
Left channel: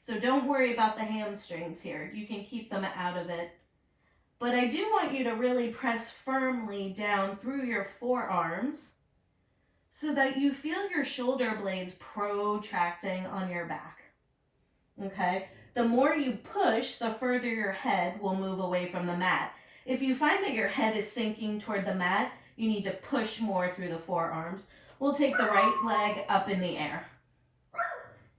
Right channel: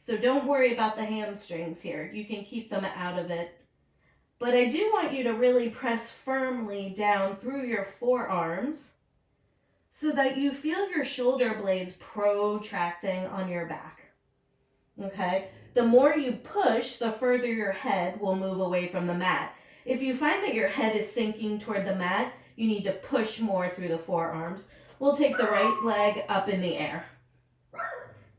So don't worry about the hamstrings here. You can keep them out of it. But I do want you to really press firmly down through your forearms so that you feel your shoulder blades protracting on your back. Okay? The more you push, the further your head will move away from the mat. If you find that your head is sinking toward the mat, you need to push more through the forearms. We'll take the right leg up in the air.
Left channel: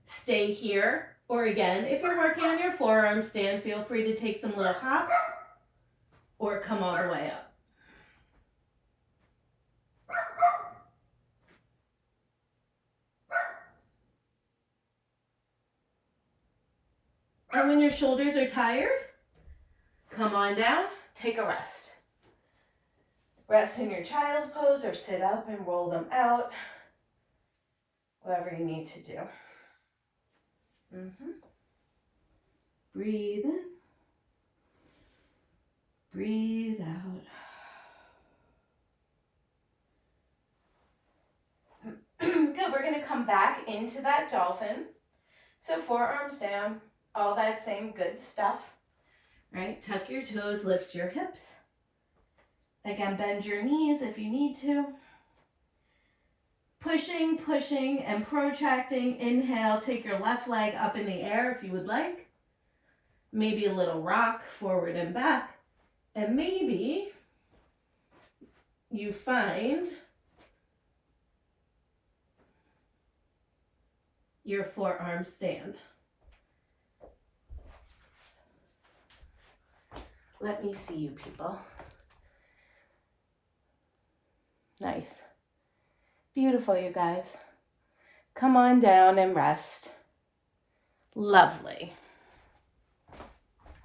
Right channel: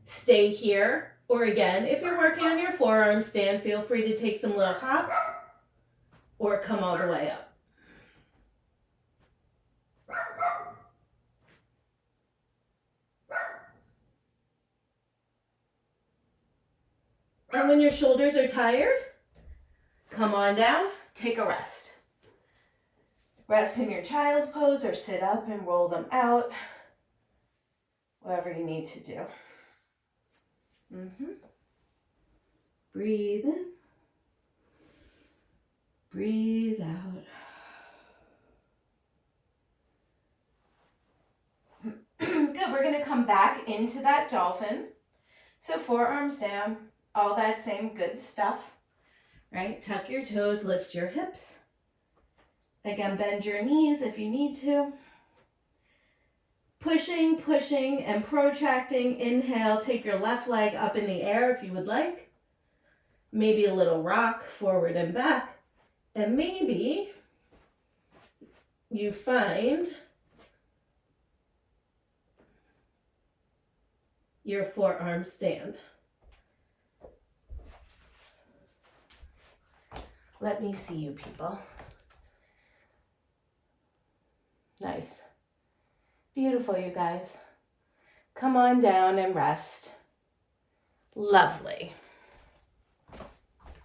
Stay here, or again, if you're working on your forearm stand, feel free to take some little hops or come all the way up. And when your shoulders are tired, come on down, take a rest. Rest in your child's pose or sit up and roll them out. Whatever you need to do. Breathe in. Breathe out. Good, we're gonna come back into that dolphin. So forearms down, all that same good stuff, right? Tuck your toes, lift your hips. Again, bend your knees if you need to. Pushing, pushing, and protracting. Inhale, take your left leg up in the air if you would like. Maybe a little rock forward and back. And maybe you find your forearm stand. Let me see you people. Nice. Beautiful, you guys. Come on down and rest. Lovely.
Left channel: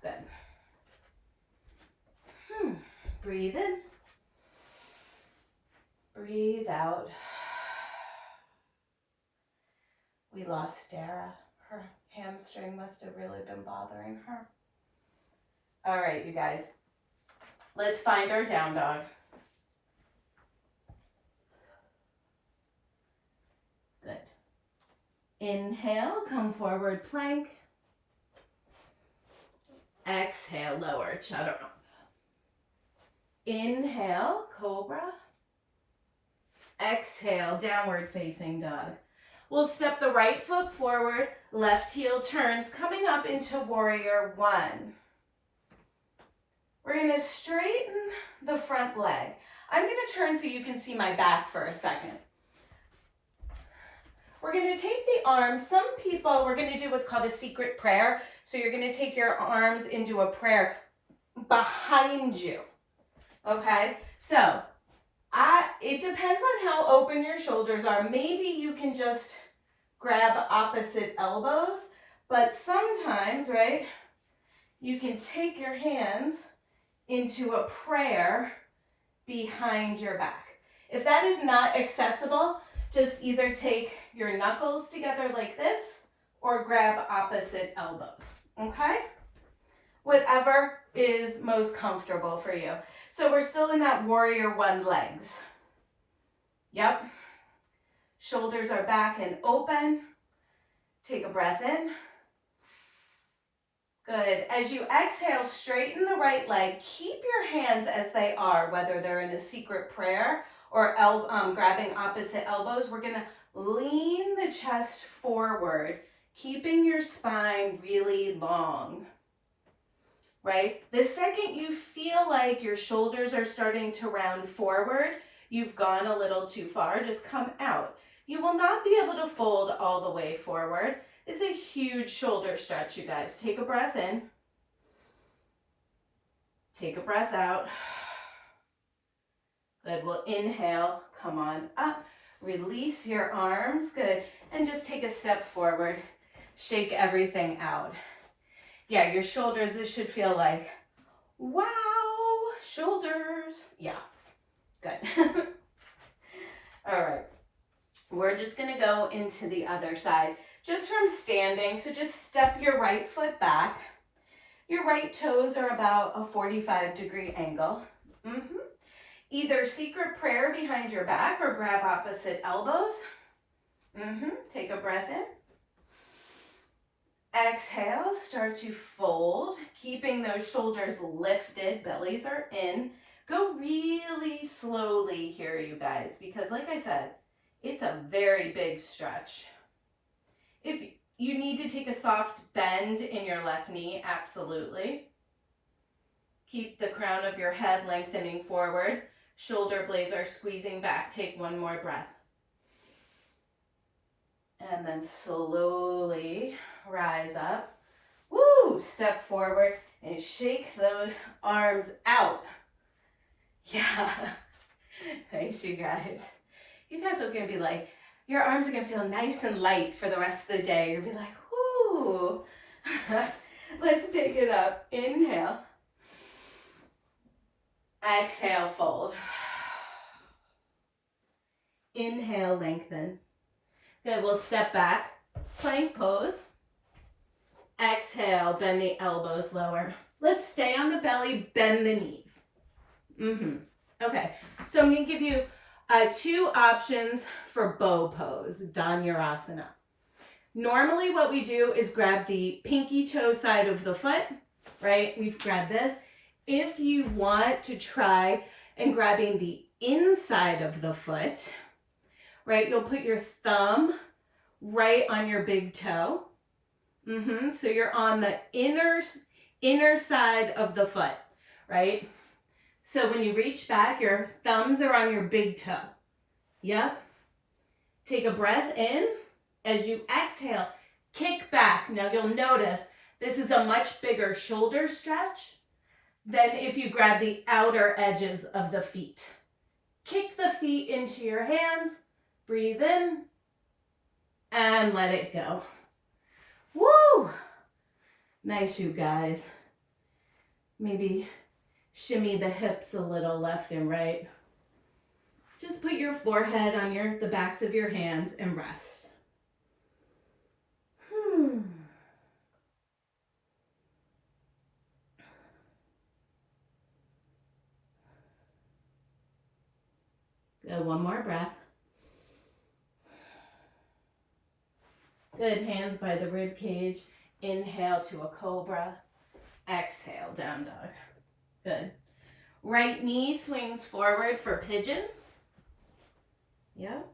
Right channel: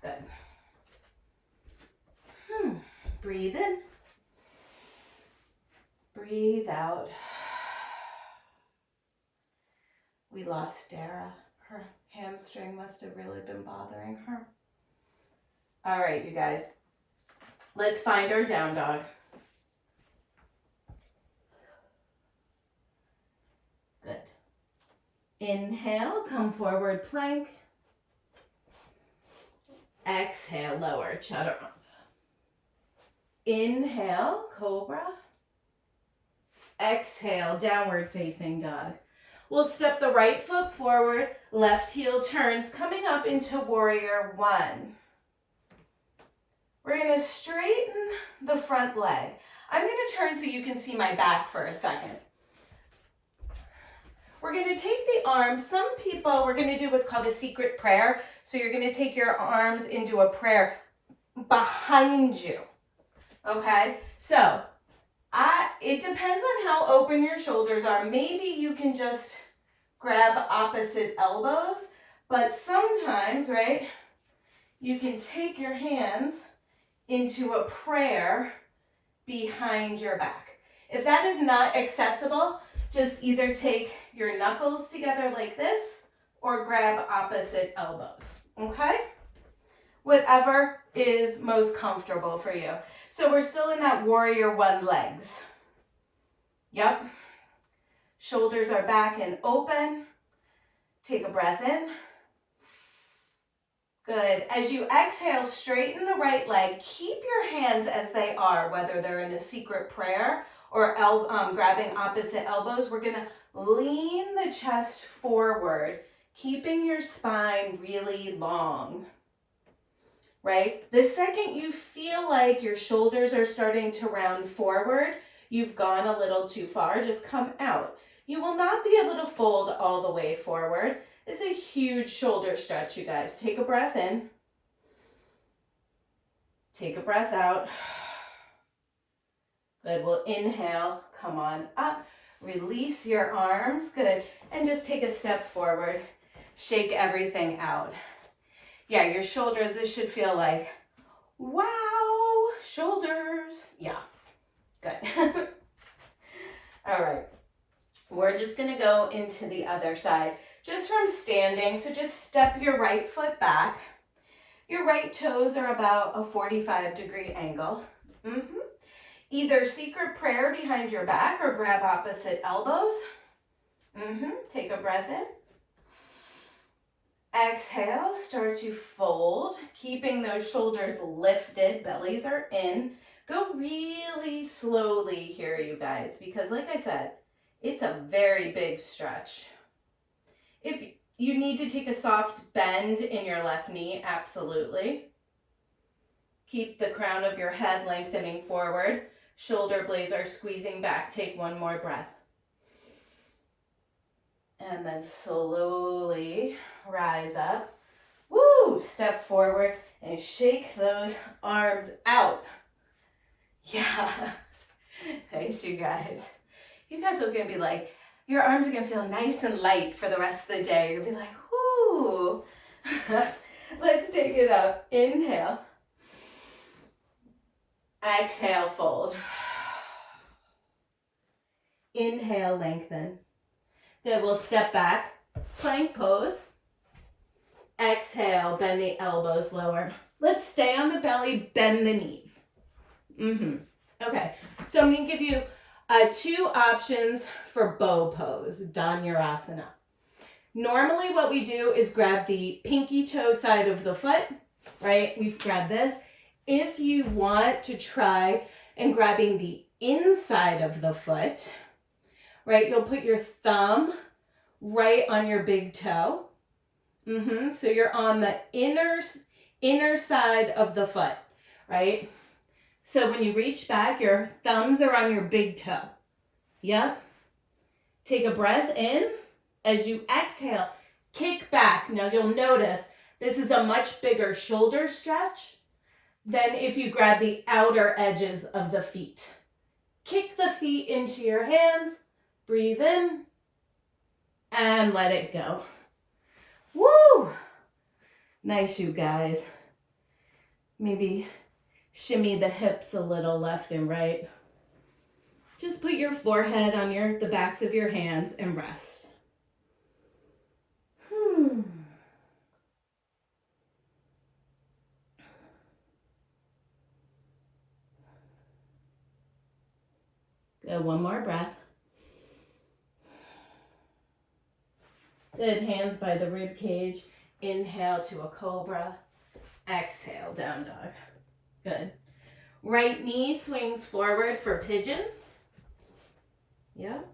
Good. Breathe in. Breathe out. We lost Dara. Her hamstring must have really been bothering her. All right, you guys. Let's find our down dog. Good. Inhale, come forward plank. Exhale, lower chaturanga. Inhale, cobra. Exhale, downward facing dog. We'll step the right foot forward, left heel turns, coming up into warrior one. We're gonna straighten the front leg. I'm gonna turn so you can see my back for a second. We're gonna take the arms, some people, we're gonna do what's called a secret prayer. So you're gonna take your arms into a prayer behind you, okay? So, it depends on how open your shoulders are. Maybe you can just grab opposite elbows, but sometimes, right, you can take your hands into a prayer behind your back. If that is not accessible, just either take your knuckles together like this or grab opposite elbows, okay? Whatever is most comfortable for you. So we're still in that warrior one legs. Yep. Shoulders are back and open. Take a breath in. Good. As you exhale, straighten the right leg. Keep your hands as they are, whether they're in a secret prayer or grabbing opposite elbows. We're going to lean the chest forward, keeping your spine really long. right? The second you feel like your shoulders are starting to round forward, you've gone a little too far, just come out. You will not be able to fold all the way forward. It's a huge shoulder stretch, you guys. Take a breath in. Take a breath out. Good, we'll inhale, come on up. Release your arms, good. And just take a step forward. Shake everything out. Yeah, your shoulders, this should feel like, wow, shoulders. Yeah, good. All right, we're just gonna go into the other side, just from standing. So just step your right foot back. Your right toes are about a 45-degree angle. Either secret prayer behind your back or grab opposite elbows. Take a breath in. Exhale, start to fold, keeping those shoulders lifted, bellies are in. Go really slowly here, you guys, because like I said, it's a very big stretch. If you need to take a soft bend in your left knee, absolutely. Keep the crown of your head lengthening forward. Shoulder blades are squeezing back. Take one more breath. And then slowly rise up. Woo! Step forward and shake those arms out. Yeah. Nice, you guys. You guys are going to be like, your arms are going to feel nice and light for the rest of the day. You'll be like, whoo. Let's take it up. Inhale. Exhale, fold. Inhale, lengthen. Good, we'll step back. Plank pose. Exhale, bend the elbows lower. Let's stay on the belly, bend the knees. Okay, so I'm going to give you 2 options for bow pose, Dhanurasana. Normally what we do is grab the pinky toe side of the foot, right? We've grabbed this. If you want to try and grabbing the inside of the foot, right, you'll put your thumb right on your big toe. So you're on the inner side of the foot, right? So when you reach back, your thumbs are on your big toe. Yep. Take a breath in. As you exhale, kick back. Now you'll notice this is a much bigger shoulder stretch than if you grab the outer edges of the feet. Kick the feet into your hands. Breathe in and let it go. Woo! Nice, you guys. Maybe shimmy the hips a little left and right. Just put your forehead on the backs of your hands and rest. Good, one more breath. Good, hands by the rib cage. Inhale to a cobra. Exhale, down dog. Good. Right knee swings forward for pigeon. Yep.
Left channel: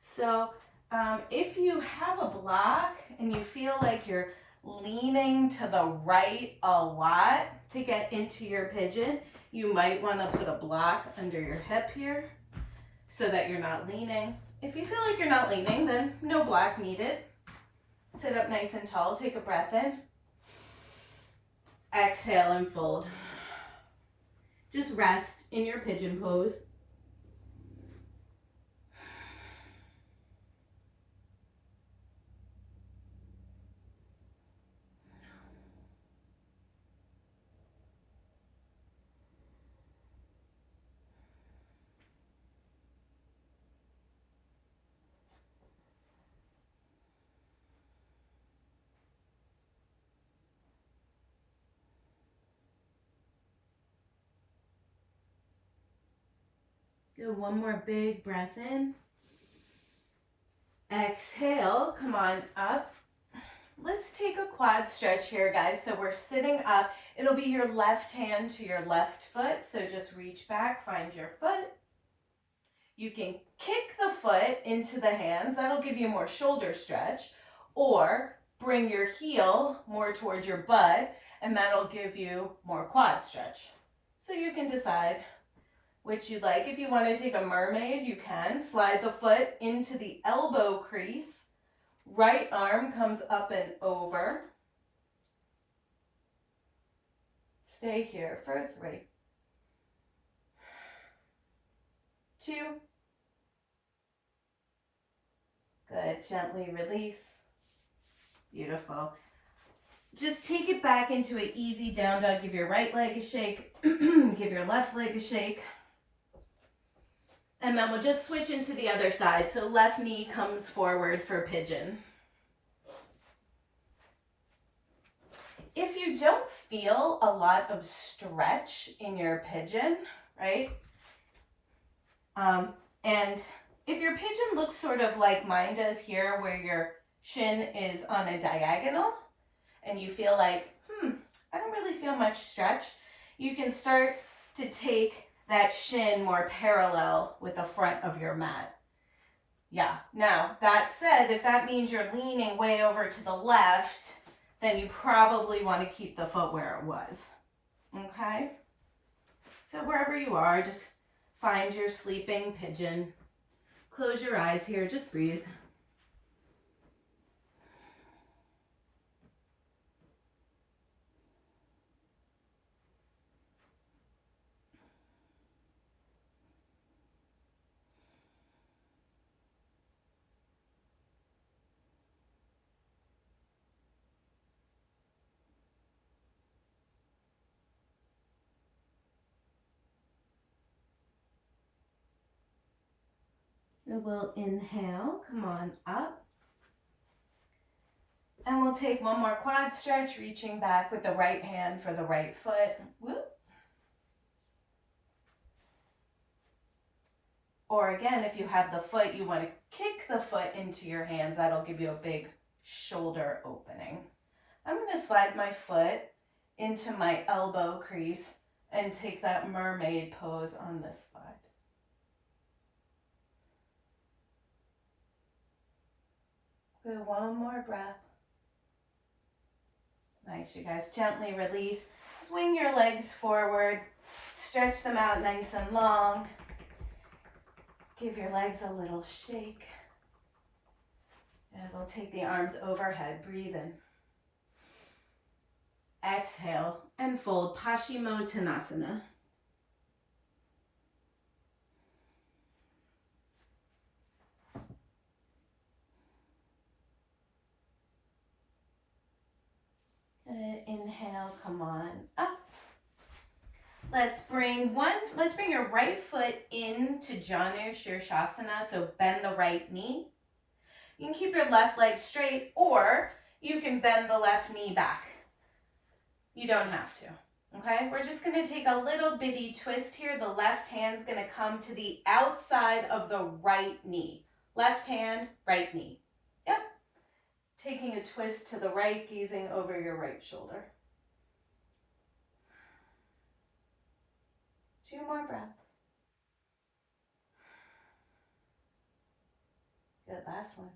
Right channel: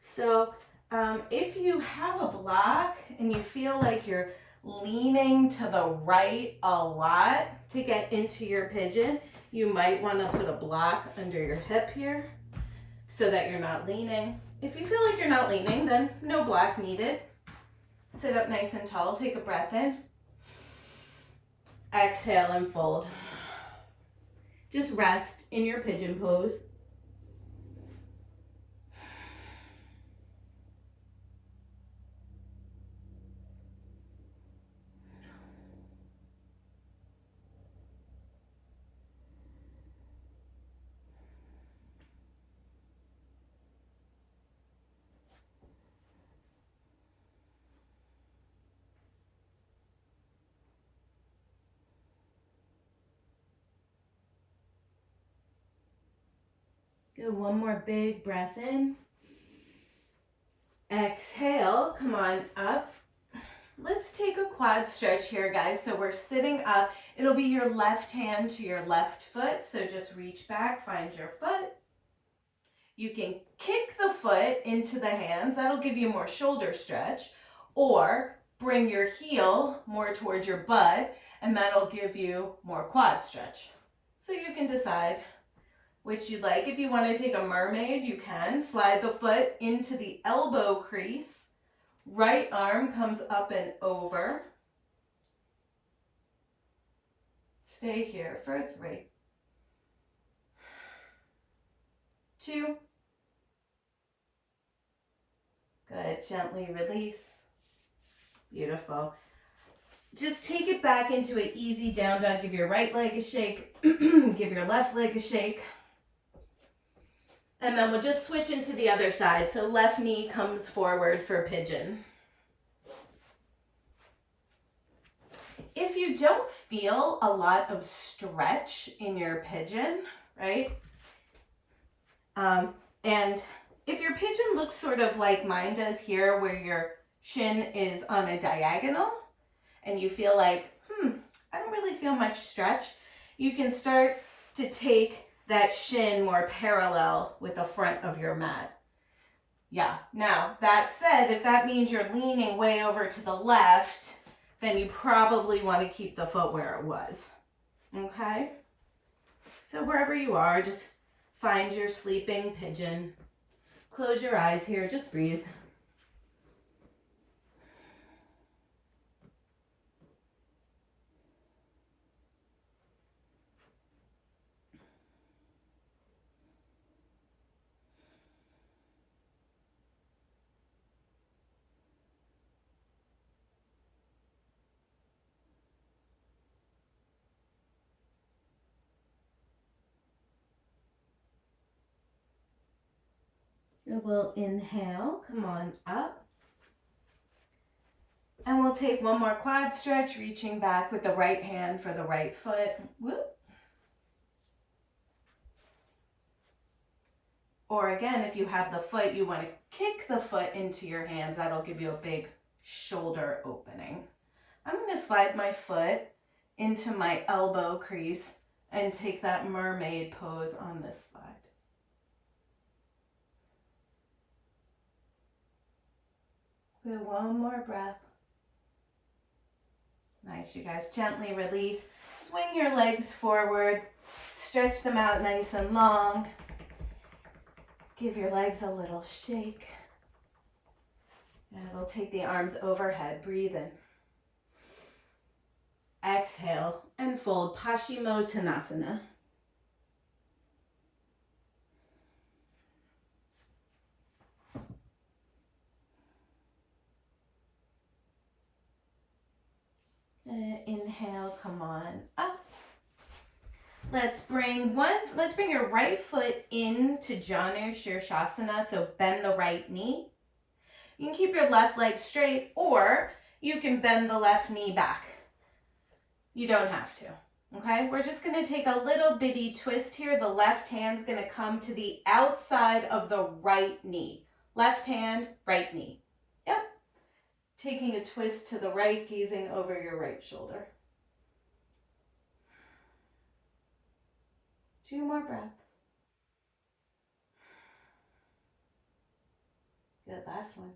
So if you have a block and you feel like you're leaning to the right a lot to get into your pigeon, you might want to put a block under your hip here so that you're not leaning. If you feel like you're not leaning, then no block needed. Sit up nice and tall. Take a breath in. Exhale and fold. Just rest in your pigeon pose. Good, one more big breath in. Exhale, come on up. Let's take a quad stretch here, guys. So we're sitting up. It'll be your left hand to your left foot. So just reach back, find your foot. You can kick the foot into the hands. That'll give you more shoulder stretch. Or bring your heel more towards your butt, and that'll give you more quad stretch. So you can decide which you like. If you want to take a mermaid, you can. Slide the foot into the elbow crease. Right arm comes up and over. Stay here for 3, 2. Good. Gently release. Beautiful. Just take it back into an easy down dog. Give your right leg a shake. Give your left leg a shake. And then we'll just switch into the other side. So left knee comes forward for pigeon. If you don't feel a lot of stretch in your pigeon, right? And if your pigeon looks sort of like mine does here, where your shin is on a diagonal, and you feel like, I don't really feel much stretch, you can start to take that shin more parallel with the front of your mat. Yeah, now that said, if that means you're leaning way over to the left, then you probably want to keep the foot where it was. Okay? So wherever you are, just find your sleeping pigeon. Close your eyes here, just breathe. We'll inhale, come on up. And we'll take one more quad stretch, reaching back with the right hand for the right foot. Whoop. Or again, if you have the foot, you want to kick the foot into your hands. That'll give you a big shoulder opening. I'm going to slide my foot into my elbow crease and take that mermaid pose on this side. Good, one more breath. Nice, you guys. Gently release. Swing your legs forward. Stretch them out nice and long. Give your legs a little shake. And we'll take the arms overhead. Breathe in. Exhale and fold Paschimottanasana. Inhale, come on up. Let's bring your right foot into Janu Shirshasana, so bend the right knee. You can keep your left leg straight, or you can bend the left knee back. You don't have to, okay? We're just gonna take a little bitty twist here. The left hand's gonna come to the outside of the right knee. Left hand, right knee. Yep. Taking a twist to the right, gazing over your right shoulder. 2 more breaths. Good, last one.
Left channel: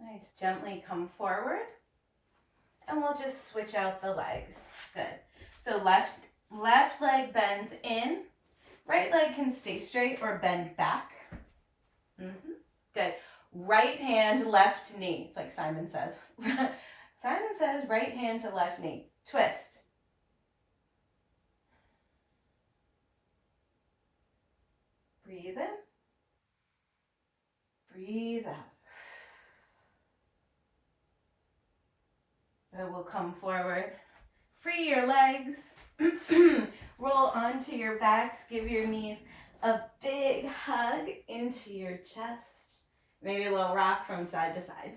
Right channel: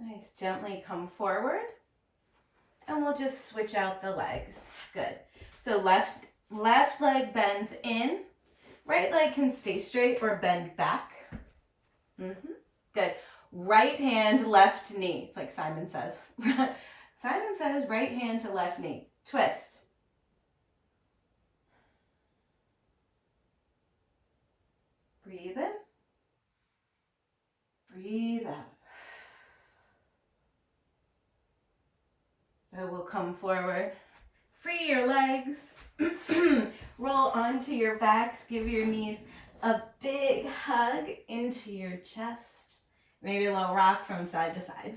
Nice, gently come forward. And we'll just switch out the legs. Good. So left leg bends in. Right leg can stay straight or bend back. Good. Right hand, left knee. It's like Simon says. Simon says right hand to left knee. Twist. Breathe in. Breathe out. And we'll come forward. Free your legs. Roll onto your backs. Give your knees a big hug into your chest. Maybe a little rock from side to side.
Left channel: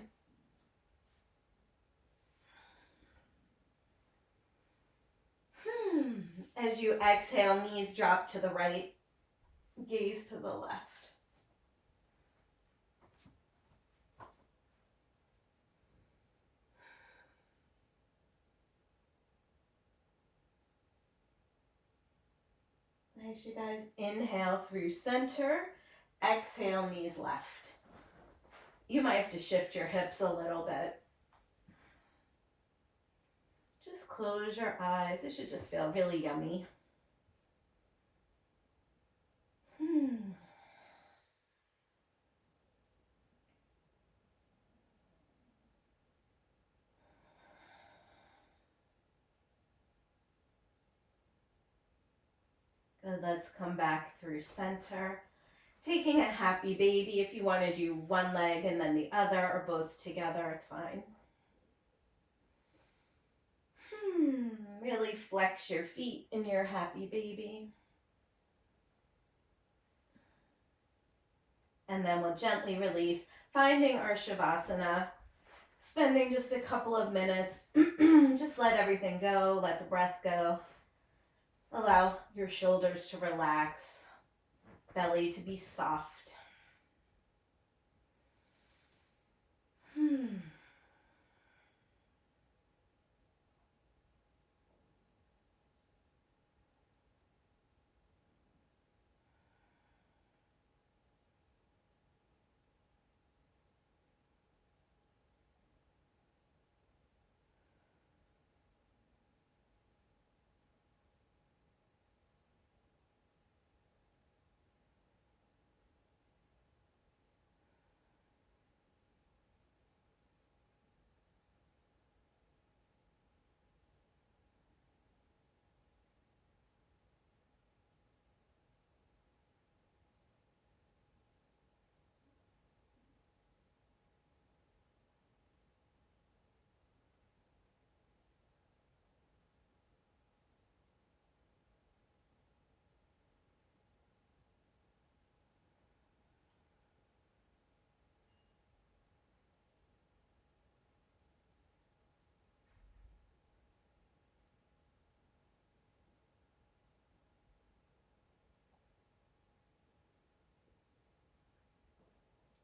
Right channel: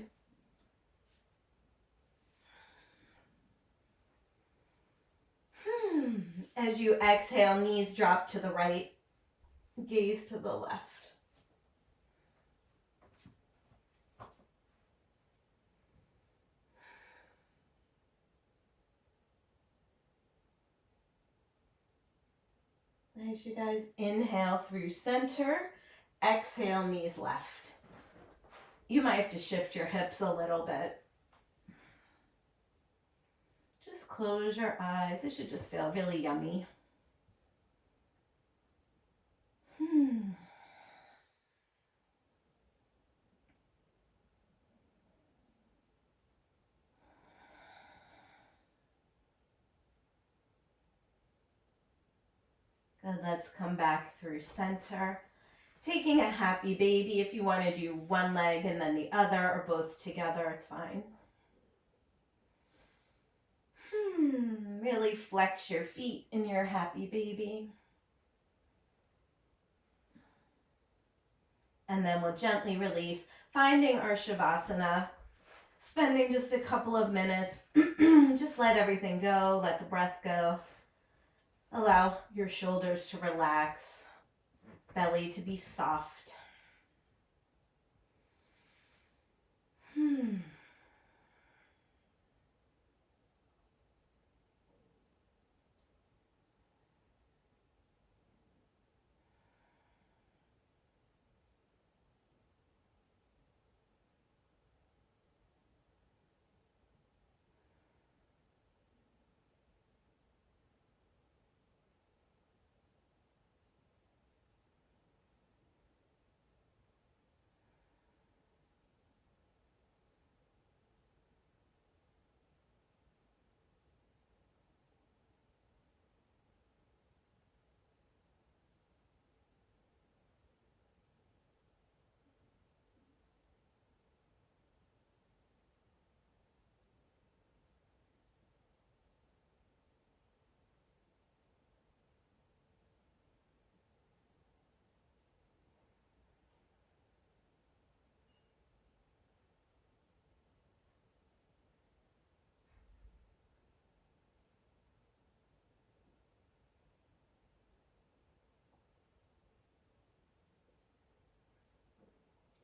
As you exhale, knees drop to the right, gaze to the left. Nice, you guys. Inhale through center. Exhale, knees left. You might have to shift your hips a little bit. Just close your eyes. It should just feel really yummy. Good, let's come back through center. Taking a happy baby. If you want to do one leg and then the other or both together, it's fine. Really flex your feet in your happy baby. And then we'll gently release, finding our Shavasana, spending just a couple of minutes. Just let everything go, let the breath go. Allow your shoulders to relax, belly to be soft.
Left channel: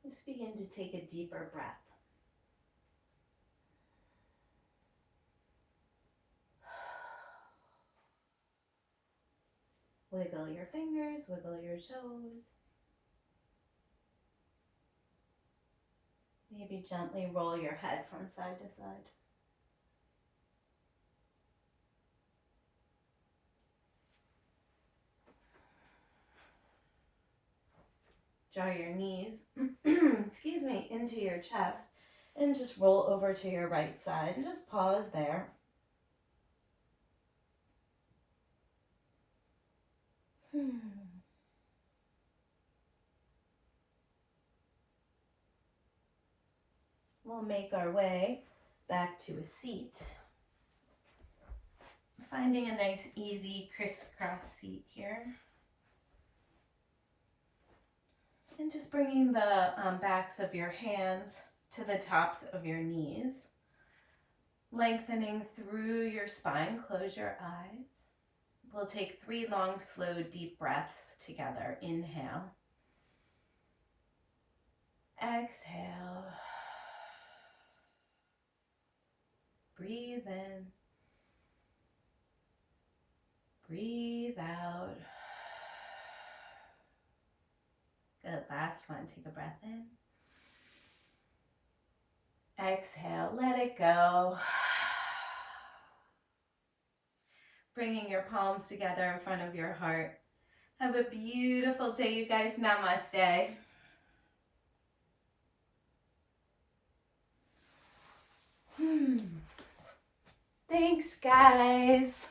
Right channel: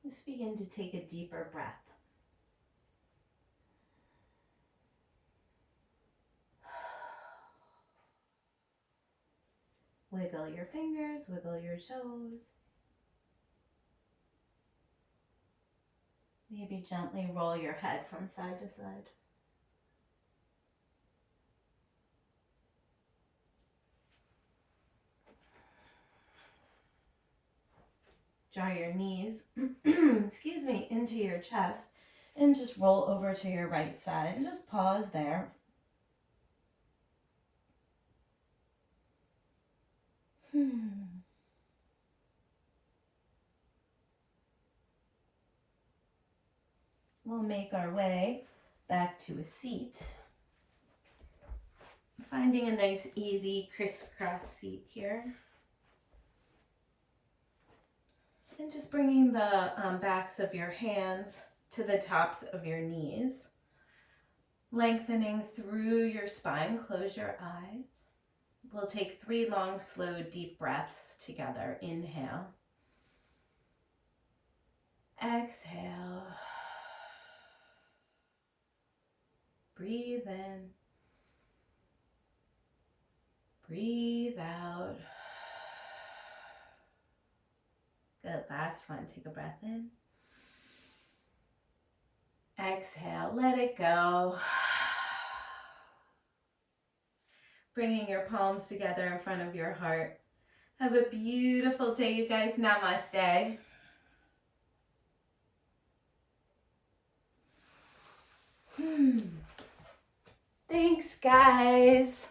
Just begin to take a deeper breath. Wiggle your fingers, wiggle your toes. Maybe gently roll your head from side to side. Draw your knees, excuse me, into your chest and just roll over to your right side and just pause there. We'll make our way back to a seat. Finding a nice, easy, crisscross seat here. And just bringing the backs of your hands to the tops of your knees. Lengthening through your spine, close your eyes. We'll take 3 long, slow, deep breaths together. Inhale. Exhale. Breathe in. Breathe out. Good, last one. Take a breath in. Exhale, let it go. Bringing your palms together in front of your heart. Have a beautiful day, you guys. Namaste. Thanks, guys.